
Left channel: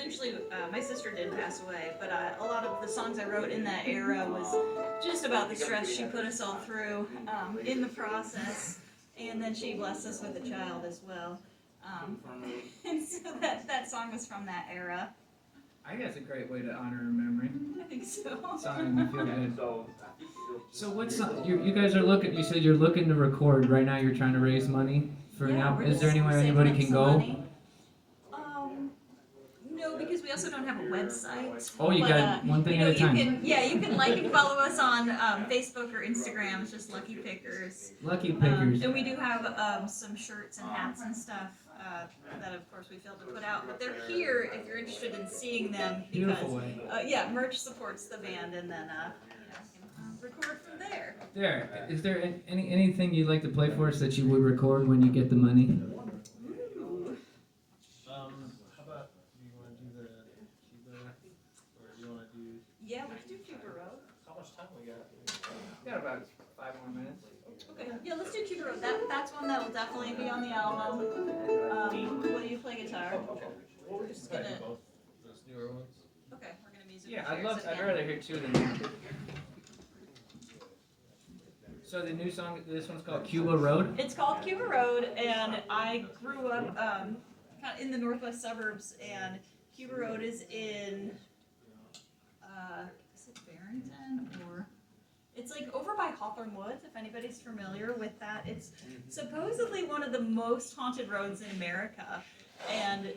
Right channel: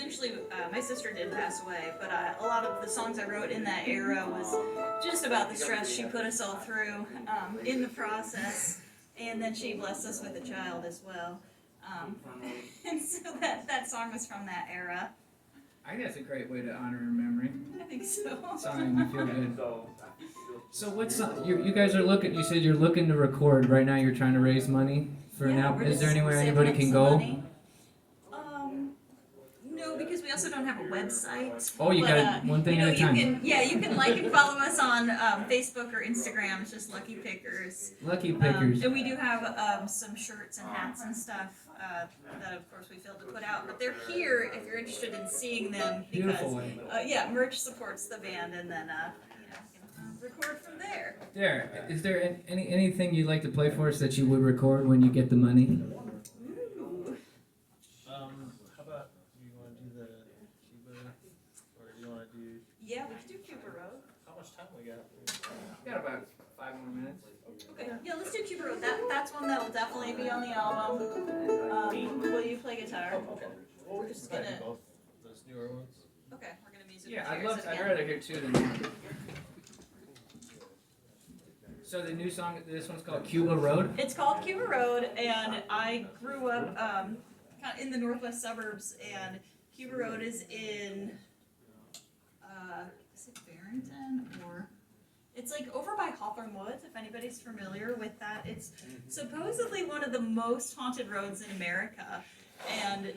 eventually, my sister did pass away, but a lot of the songs I wrote in that era was just about the stress she put us all through in the process, and then she blessed us with a child as well. And so that song was from that era. I think that's a great way to honor her memory. I think so. Song made me feel good. So what's you guys are looking? You said you're looking to record right now. You're trying to raise money for an album. Is there anywhere anybody can go? No, because we also don't have a website. Oh, you got one thing at a time. You can like and follow us on Facebook or Instagram. It's just Lucky Pickers. Lucky Pickers. And we do have some shirts and hats and stuff that, of course, we failed to put out. But they're here if you're interested in seeing them. Beautiful. Because, merch supports the band, and then record from there. There. Is there anything you'd like to play for us that you would record when you get the money? Ooh. How about, do you want to do the Cuba, or do you want to do, Yeah, let's do Cuba Road. how much time we got? Got about 5 more minutes. Okay, yeah, let's do Cuba Road. That's one that'll definitely be on the album. Will you play guitar? Okay. Well, we can just gonna- do both those newer ones. Okay, we're gonna music. Yeah, chairs I'd again. rather hear two than one. So the new song, this one's called Cuba Road? It's called Cuba Road, and I grew up kind of in the northwest suburbs, and Cuba Road is in, is it Barrington, or? It's like over by Hawthorne Woods, if anybody's familiar with that. It's supposedly one of the most haunted roads in America, and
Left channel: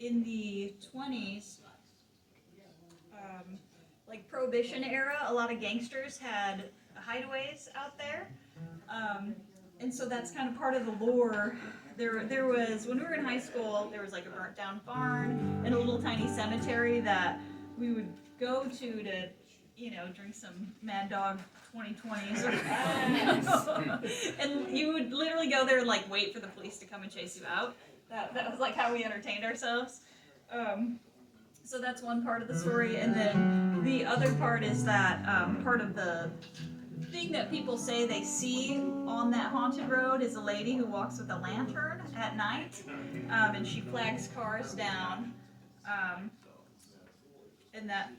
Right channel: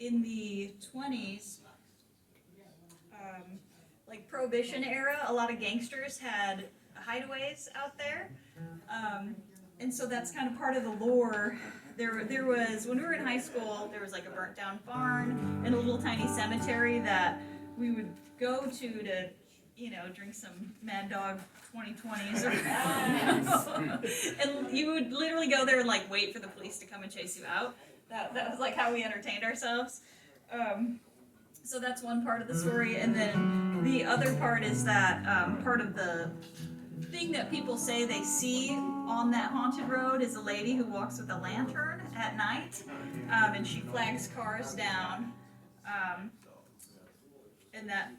in the 20s, like Prohibition era, a lot of gangsters had hideaways out there, and so that's kind of part of the lore. There was, when we were in high school, there was like a burnt down barn and a little tiny cemetery that we would go to drink some Mad Dog 2020s, and you would literally go there and like wait for the police to come and chase you out. That was like how we entertained ourselves. So that's one part of the story, and then the other part is that part of the thing that people say they see on that haunted road is a lady who walks with a lantern at night, and she flags cars down, and that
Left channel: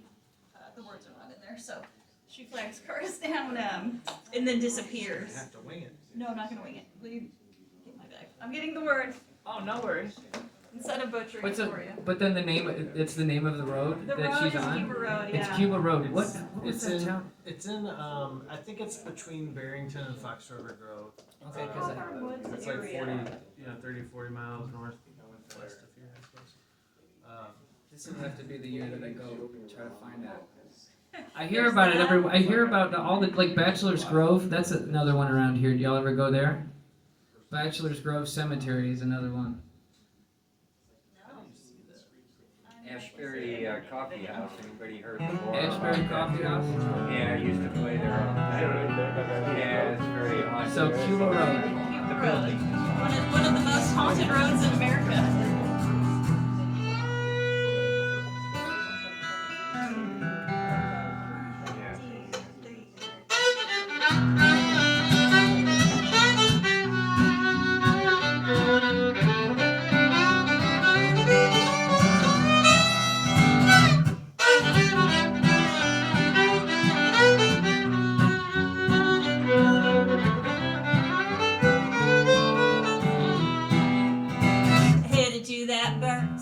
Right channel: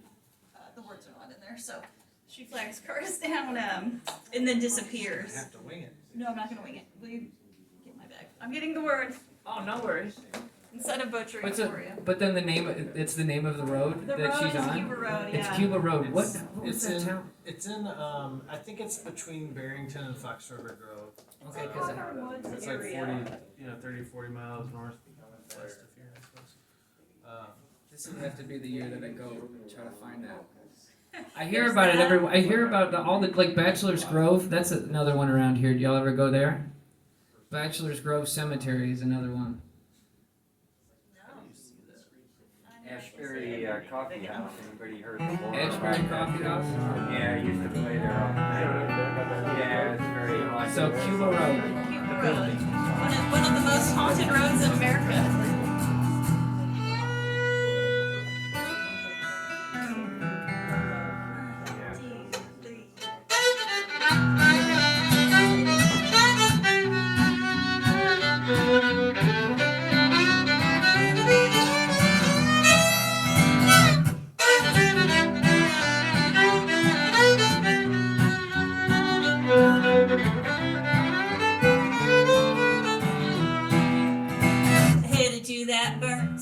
the words are not in there, so she flags cars down and then disappears. You have to wing it. No, I'm not gonna wing it. Will you get my bag? I'm getting the word Oh, no worries. instead of butchering it for you. But then it's the name of the road The that road she's is on? Cuba Road, It's yeah. Cuba Road. What It's was that in, town? it's in, I think it's between Barrington and Fox River Grove. Okay, 'cause Hawthorne Woods It's like area. 30, 40 miles north west of here, I suppose. this would have to be the year that I go and try to find that. I hear about it every. I hear about all the like Bachelor's Grove. That's another one around here. Do y'all ever go there? Bachelor's Grove Cemetery is another one. Ashbury Coffee House, anybody heard before? Ashbury Coffee House. Yeah, I used to play there all the time. Yeah, it's very haunted. So Cuba Road. Cuba Road. One of the most haunted roads in America. Headed to that burnt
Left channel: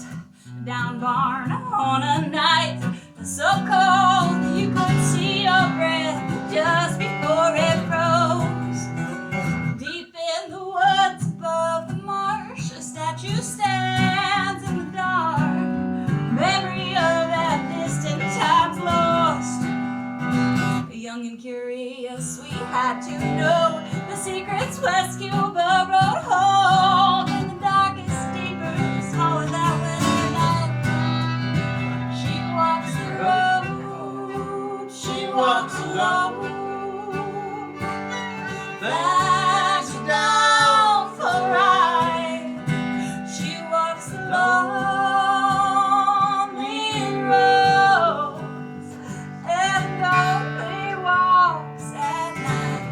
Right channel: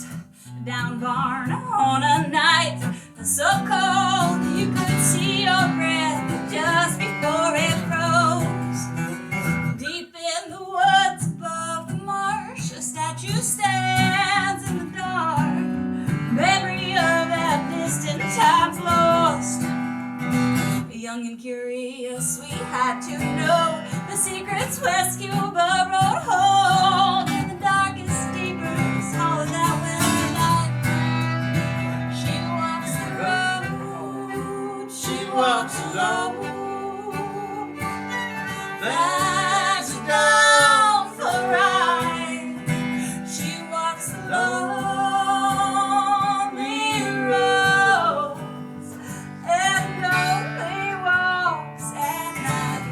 down barn on a night so cold you could see your breath just before it froze. Deep in the woods above the marsh, a statue stands in the dark. Memory of that distant time's lost. Young and curious, we had to know the secrets West Cuba Road hold. In the darkest, deepest hall of that winter night, she walks the road, she walks alone. Flags are down for a ride, she walks the lonely roads and only walks at night.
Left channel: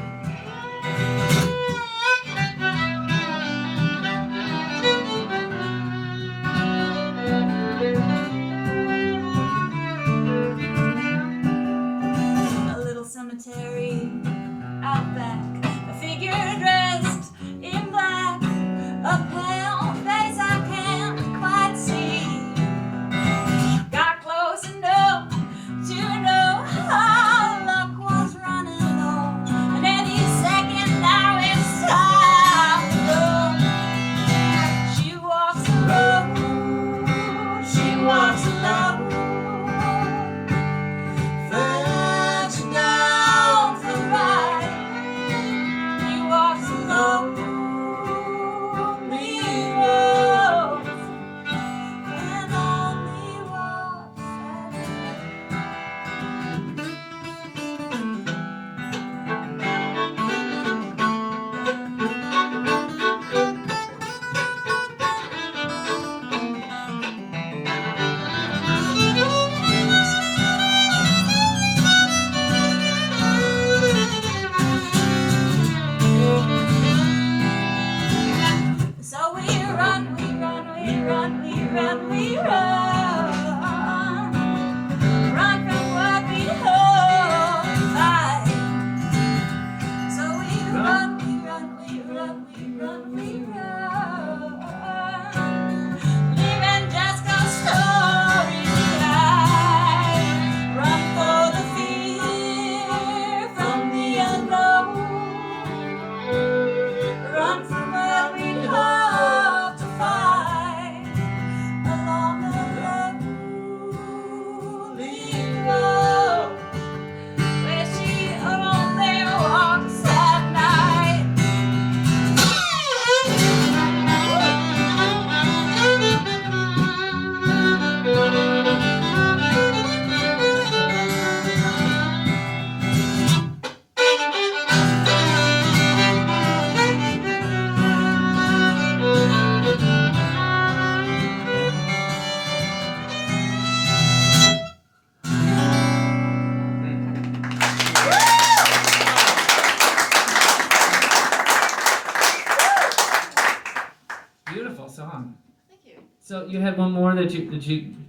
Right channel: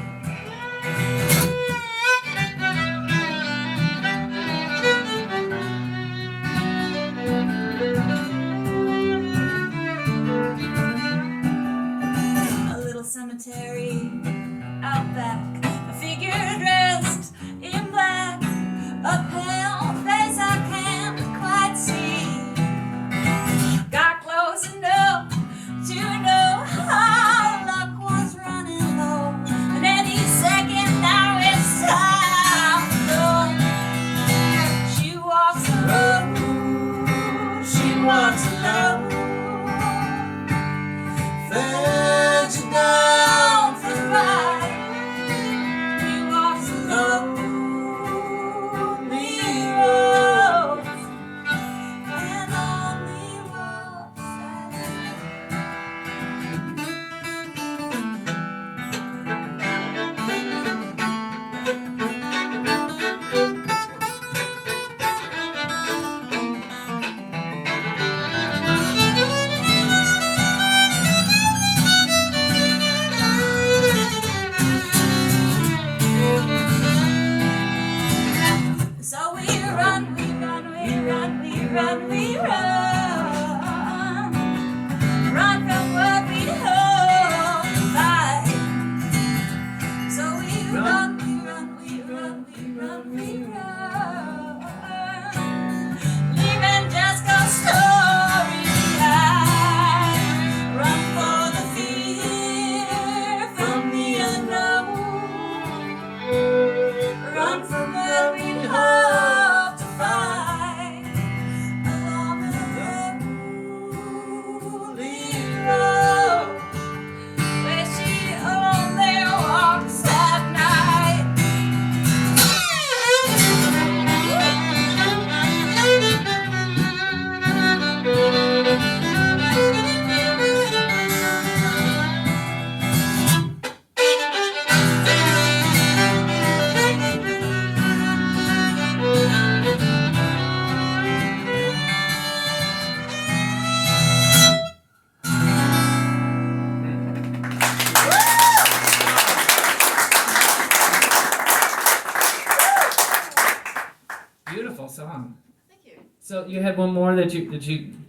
So you had one more that you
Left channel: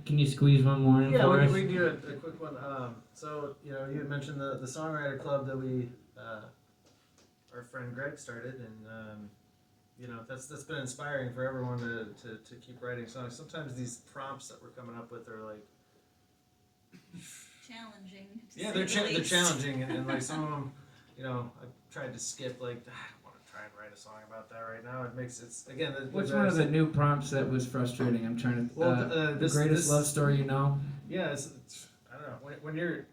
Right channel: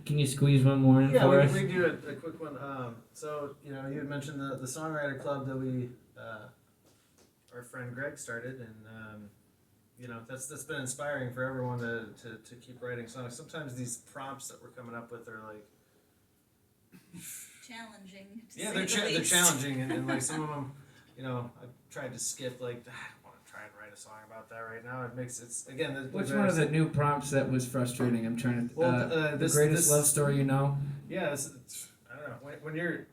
can you squeeze one more in Yeah, for us? we do a quick one. So you know, you had mentioned the songwriter club that we our friend Greg started, and you know that's been inspiring for everyone to keep writing songs. Sometimes these prompts that we're coming up with are like Challenging. yeah, they're challenging, and like some of them, you know, I've tried to skip like I don't want to try and write a song about that right now. It's again. Which one of the new prompts that was frustrating? I'm trying to. Well, the this greatest love story you know. Yeah, it's I don't know when you're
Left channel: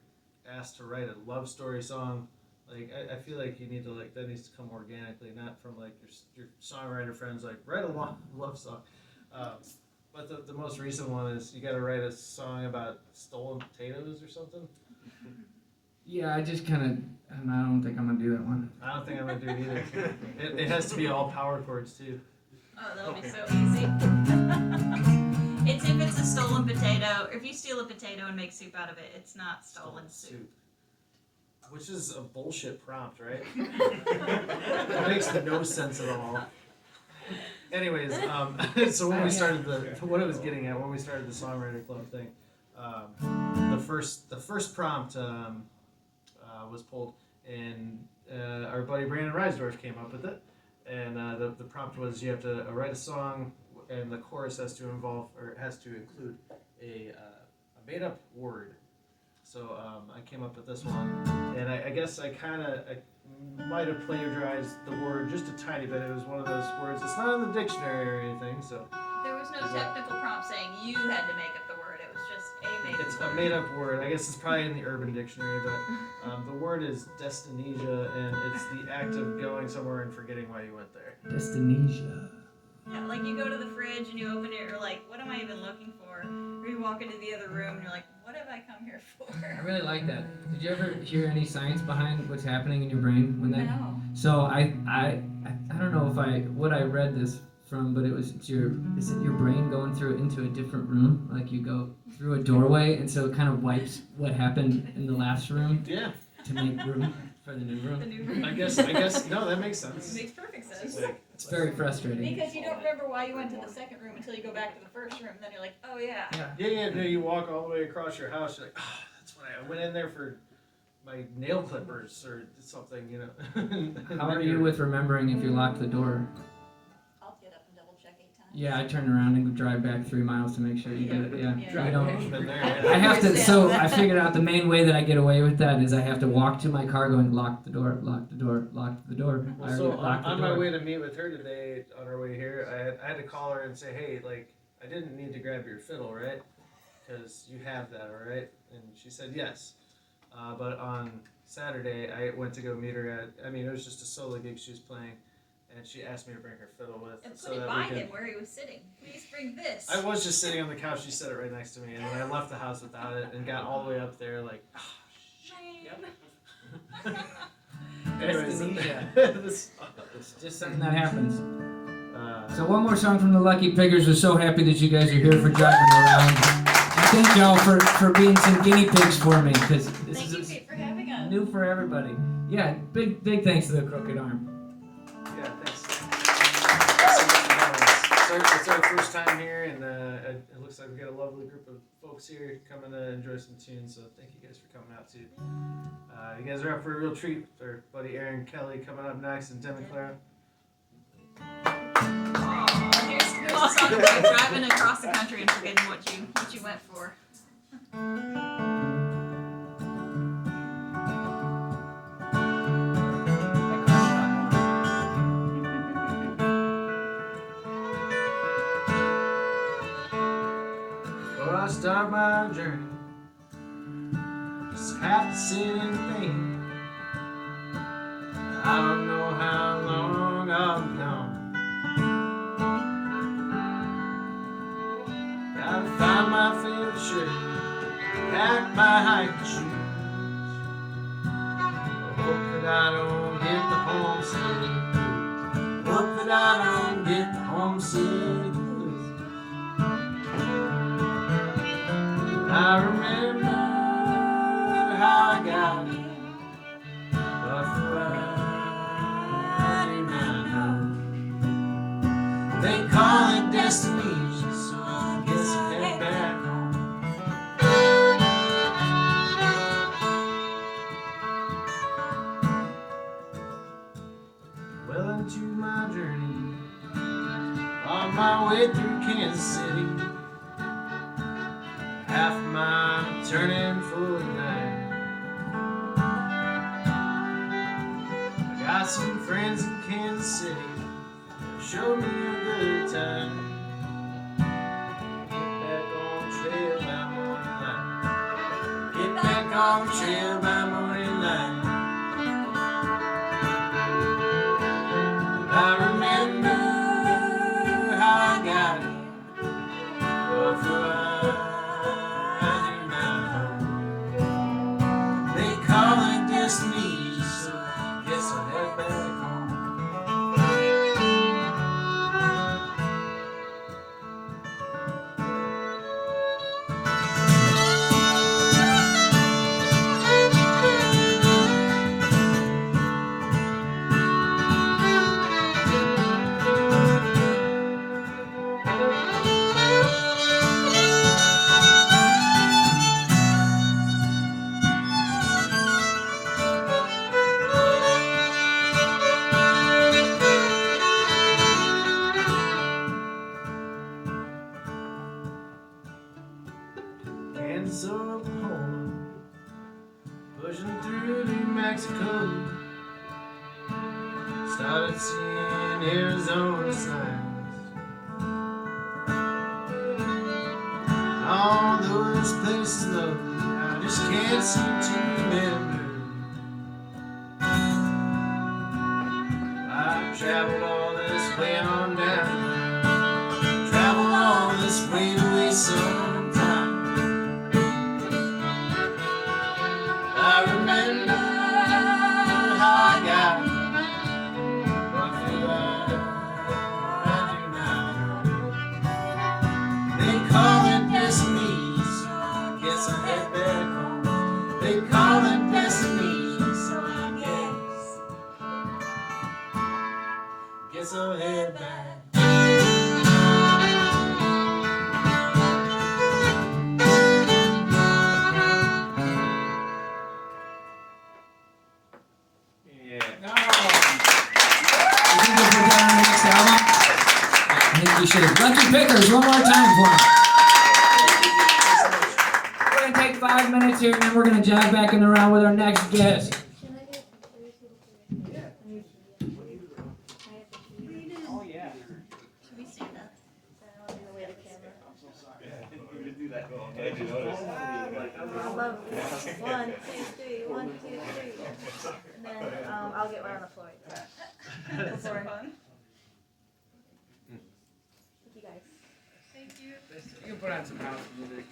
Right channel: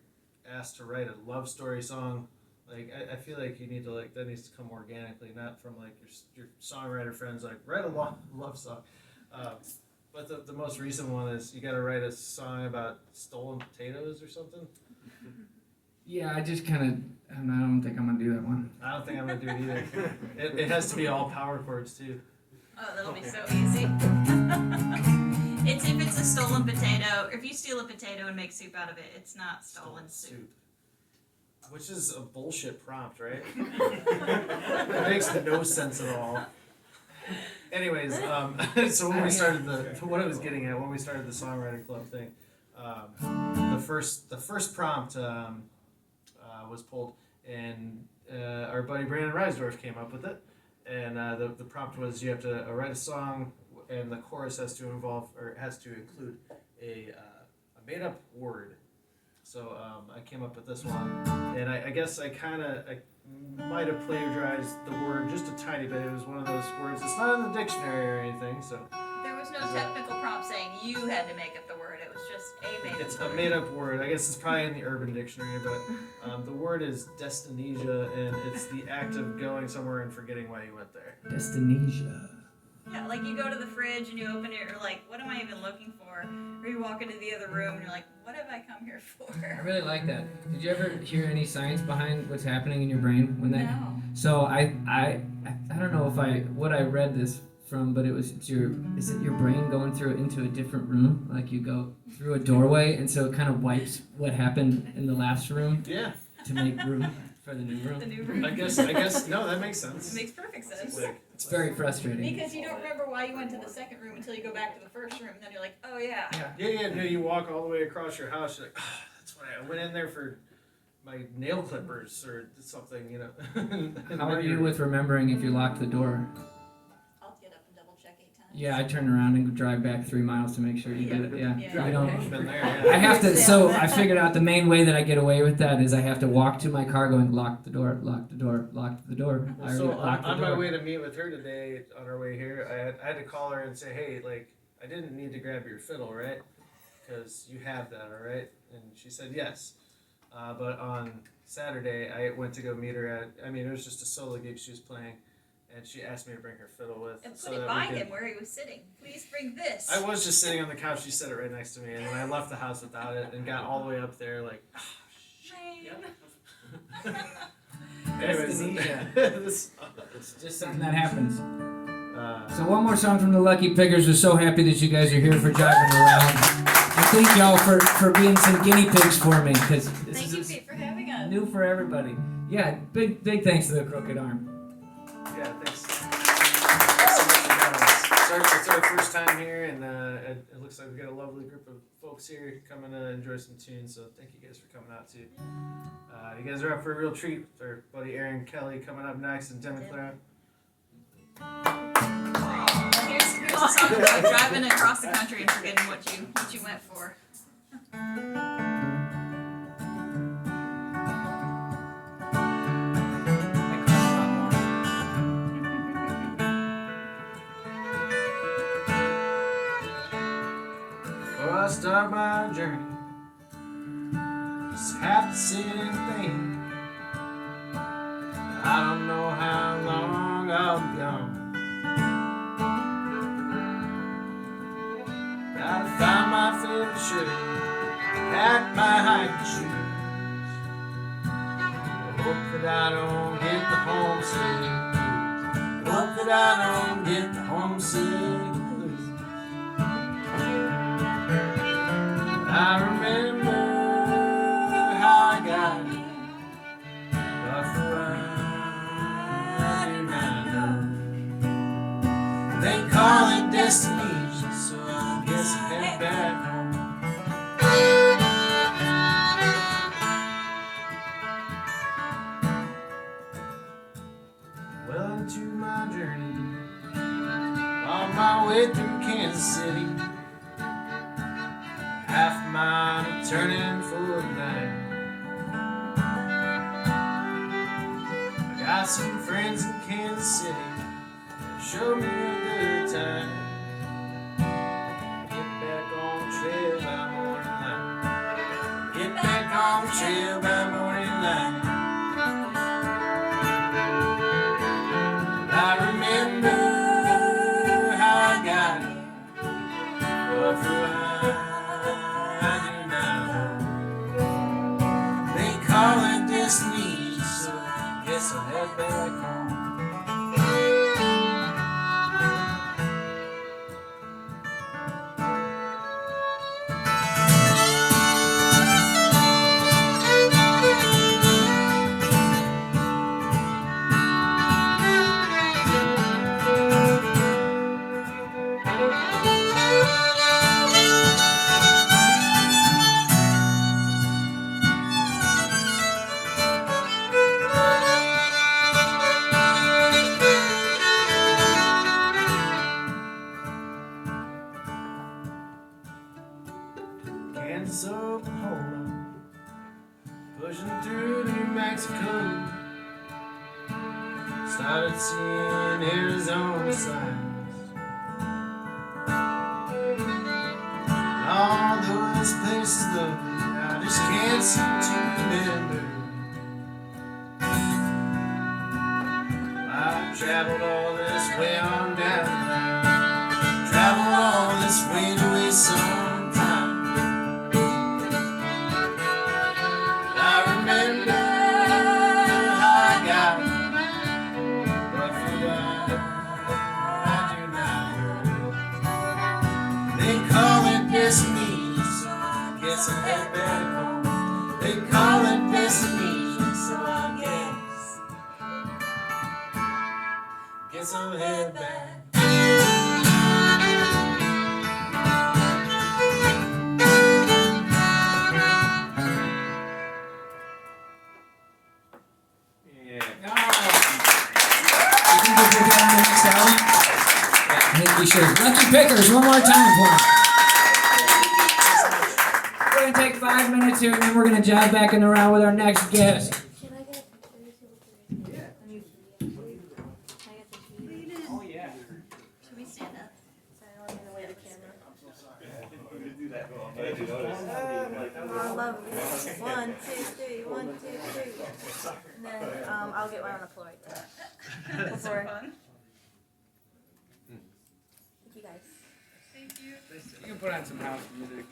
asked to write a love story song. Like I feel like you need to like that needs to come organically, not from like your songwriter friends like write a love song. But the most recent one is you got to write a song about stolen potatoes or something. Yeah, I just kind of I don't think I'm gonna do that one. I don't think I'm gonna do it either. It has to be all power chords too. Oh, that'll be so easy. It's if it's a stolen potato, or if you steal a potato and make soup out of it, it's not stolen soup. Which is a bullshit prompt, right? It makes no sense at all. Anyways, so when we started what I was getting at when we started the songwriter club thing, the first prompt was pulled, and our buddy Brandon Reisdorf came up with it, and the prompt was you have to write a song, and the chorus has to include a made up word. So I came up with this one, and I guess I might have plagiarized the word just a tiny bit. It was one of those words. It's not in the dictionary or anything, so. There was no technical prompt saying you had to make up the word. It was just a made up word. It's a made up word. I guess it's probably in the Urban Dictionary, but the word is destinesia, and it's the act of going somewhere and forgetting why you went there. Destinesia. Yeah, like you go to the fridge and you open it, you're like, what am I even looking for? Or you walk into the other room and you're like, what have I come here for? I really like that. Did you ever hear any science behind what's happening in your brain when that? No. So I don't know if I read this from, but is it your brain going through into a different room? Like you go through a doorway, and so it kind of wipes what happened in the last room Yeah. to make room for the new room. The new room. I guess no, that makes sense. It makes perfect sense. It's very frustrating. Because you don't remember why you went to the second room until you go back to the first room, and then you're like, oh yeah. Yeah, no, you walk all the way across your house, you're like, oh, that's why I went in there for my nail clippers or something, you know. How are you with remembering if you locked the door? I'll get up and double check 8 times. Yeah, I turn around and drive back 3 miles to make sure you did it. Yeah, I don't. Been there, yeah. I have to. So I figured out the main way that I get away with that is I have to walk to my car, going lock the door, lock the door, lock the door. Well, so on my way to meet with her today, on our way here, I had to call her and say, hey, like, I didn't need to grab your fiddle, right? Because you have that, all right? And she said yes. But on Saturday, I went to go meet her it was just a solo gig she was playing, and she asked me to bring her fiddle with. And so put it that by we could- him where he was sitting. Please bring this. I was just sitting on the couch, she set it right next to me, and then I left the house without it and got all the way up there, like, anyways, It's just something that happens. So one more song from the Lucky Piggers. We're so happy that you guys are here for driving around. And thank y'all for being some guinea pigs for me, because this Thank you, is Pete, for having us. new for everybody. Yeah, big thanks to the Crooked Arm. yeah, thanks. It's our first time here, and it looks like we got a lovely group of folks here coming to enjoy some tunes, so thank you guys for coming out too. You guys are up for a real treat with our buddy Aaron Kelly coming up next, and Demi Clara. Here's a song about driving across the country and forgetting what you went for. Before I start my journey, just have to sit and think. I don't know how long I'll be gone. Gotta find my favorite shirt, pack my hiking shoes. Hope that I don't get the homesick. Hope that I don't get the homesick. I remember how I got here, but for I do not know. They call it destination, so half a mile turning for the night. I got some friends in Kansas City that showed me a good time. Get back on the trail by morning light. Get back on the trail by morning light. I remember how I got here. What will I do now? They call it destiny, so I guess I'll head back home. Kansas, Oklahoma, pushing through New Mexico. Started seeing Arizona signs. All those places though, I just can't seem to remember. I traveled all this way on down. Traveled all this way to waste some time. I remember how I got here. What will I do now? They call it destiny, so I guess I'll head back home. They call it destiny, so I guess I'll head back. I think we should have. Lucky Pickers, one more time for them. We're going to take 5 minutes here and then we're going to jive back in the round with our next guest. Can I get pictures? Oh, yeah. Should we stand up? I'm gonna wear the camera. I love it. 1, 2, 3, 1, 2, 3. And then I'll get right on the floor. That's so fun. Thank you guys. Thank you. You can put on some house music.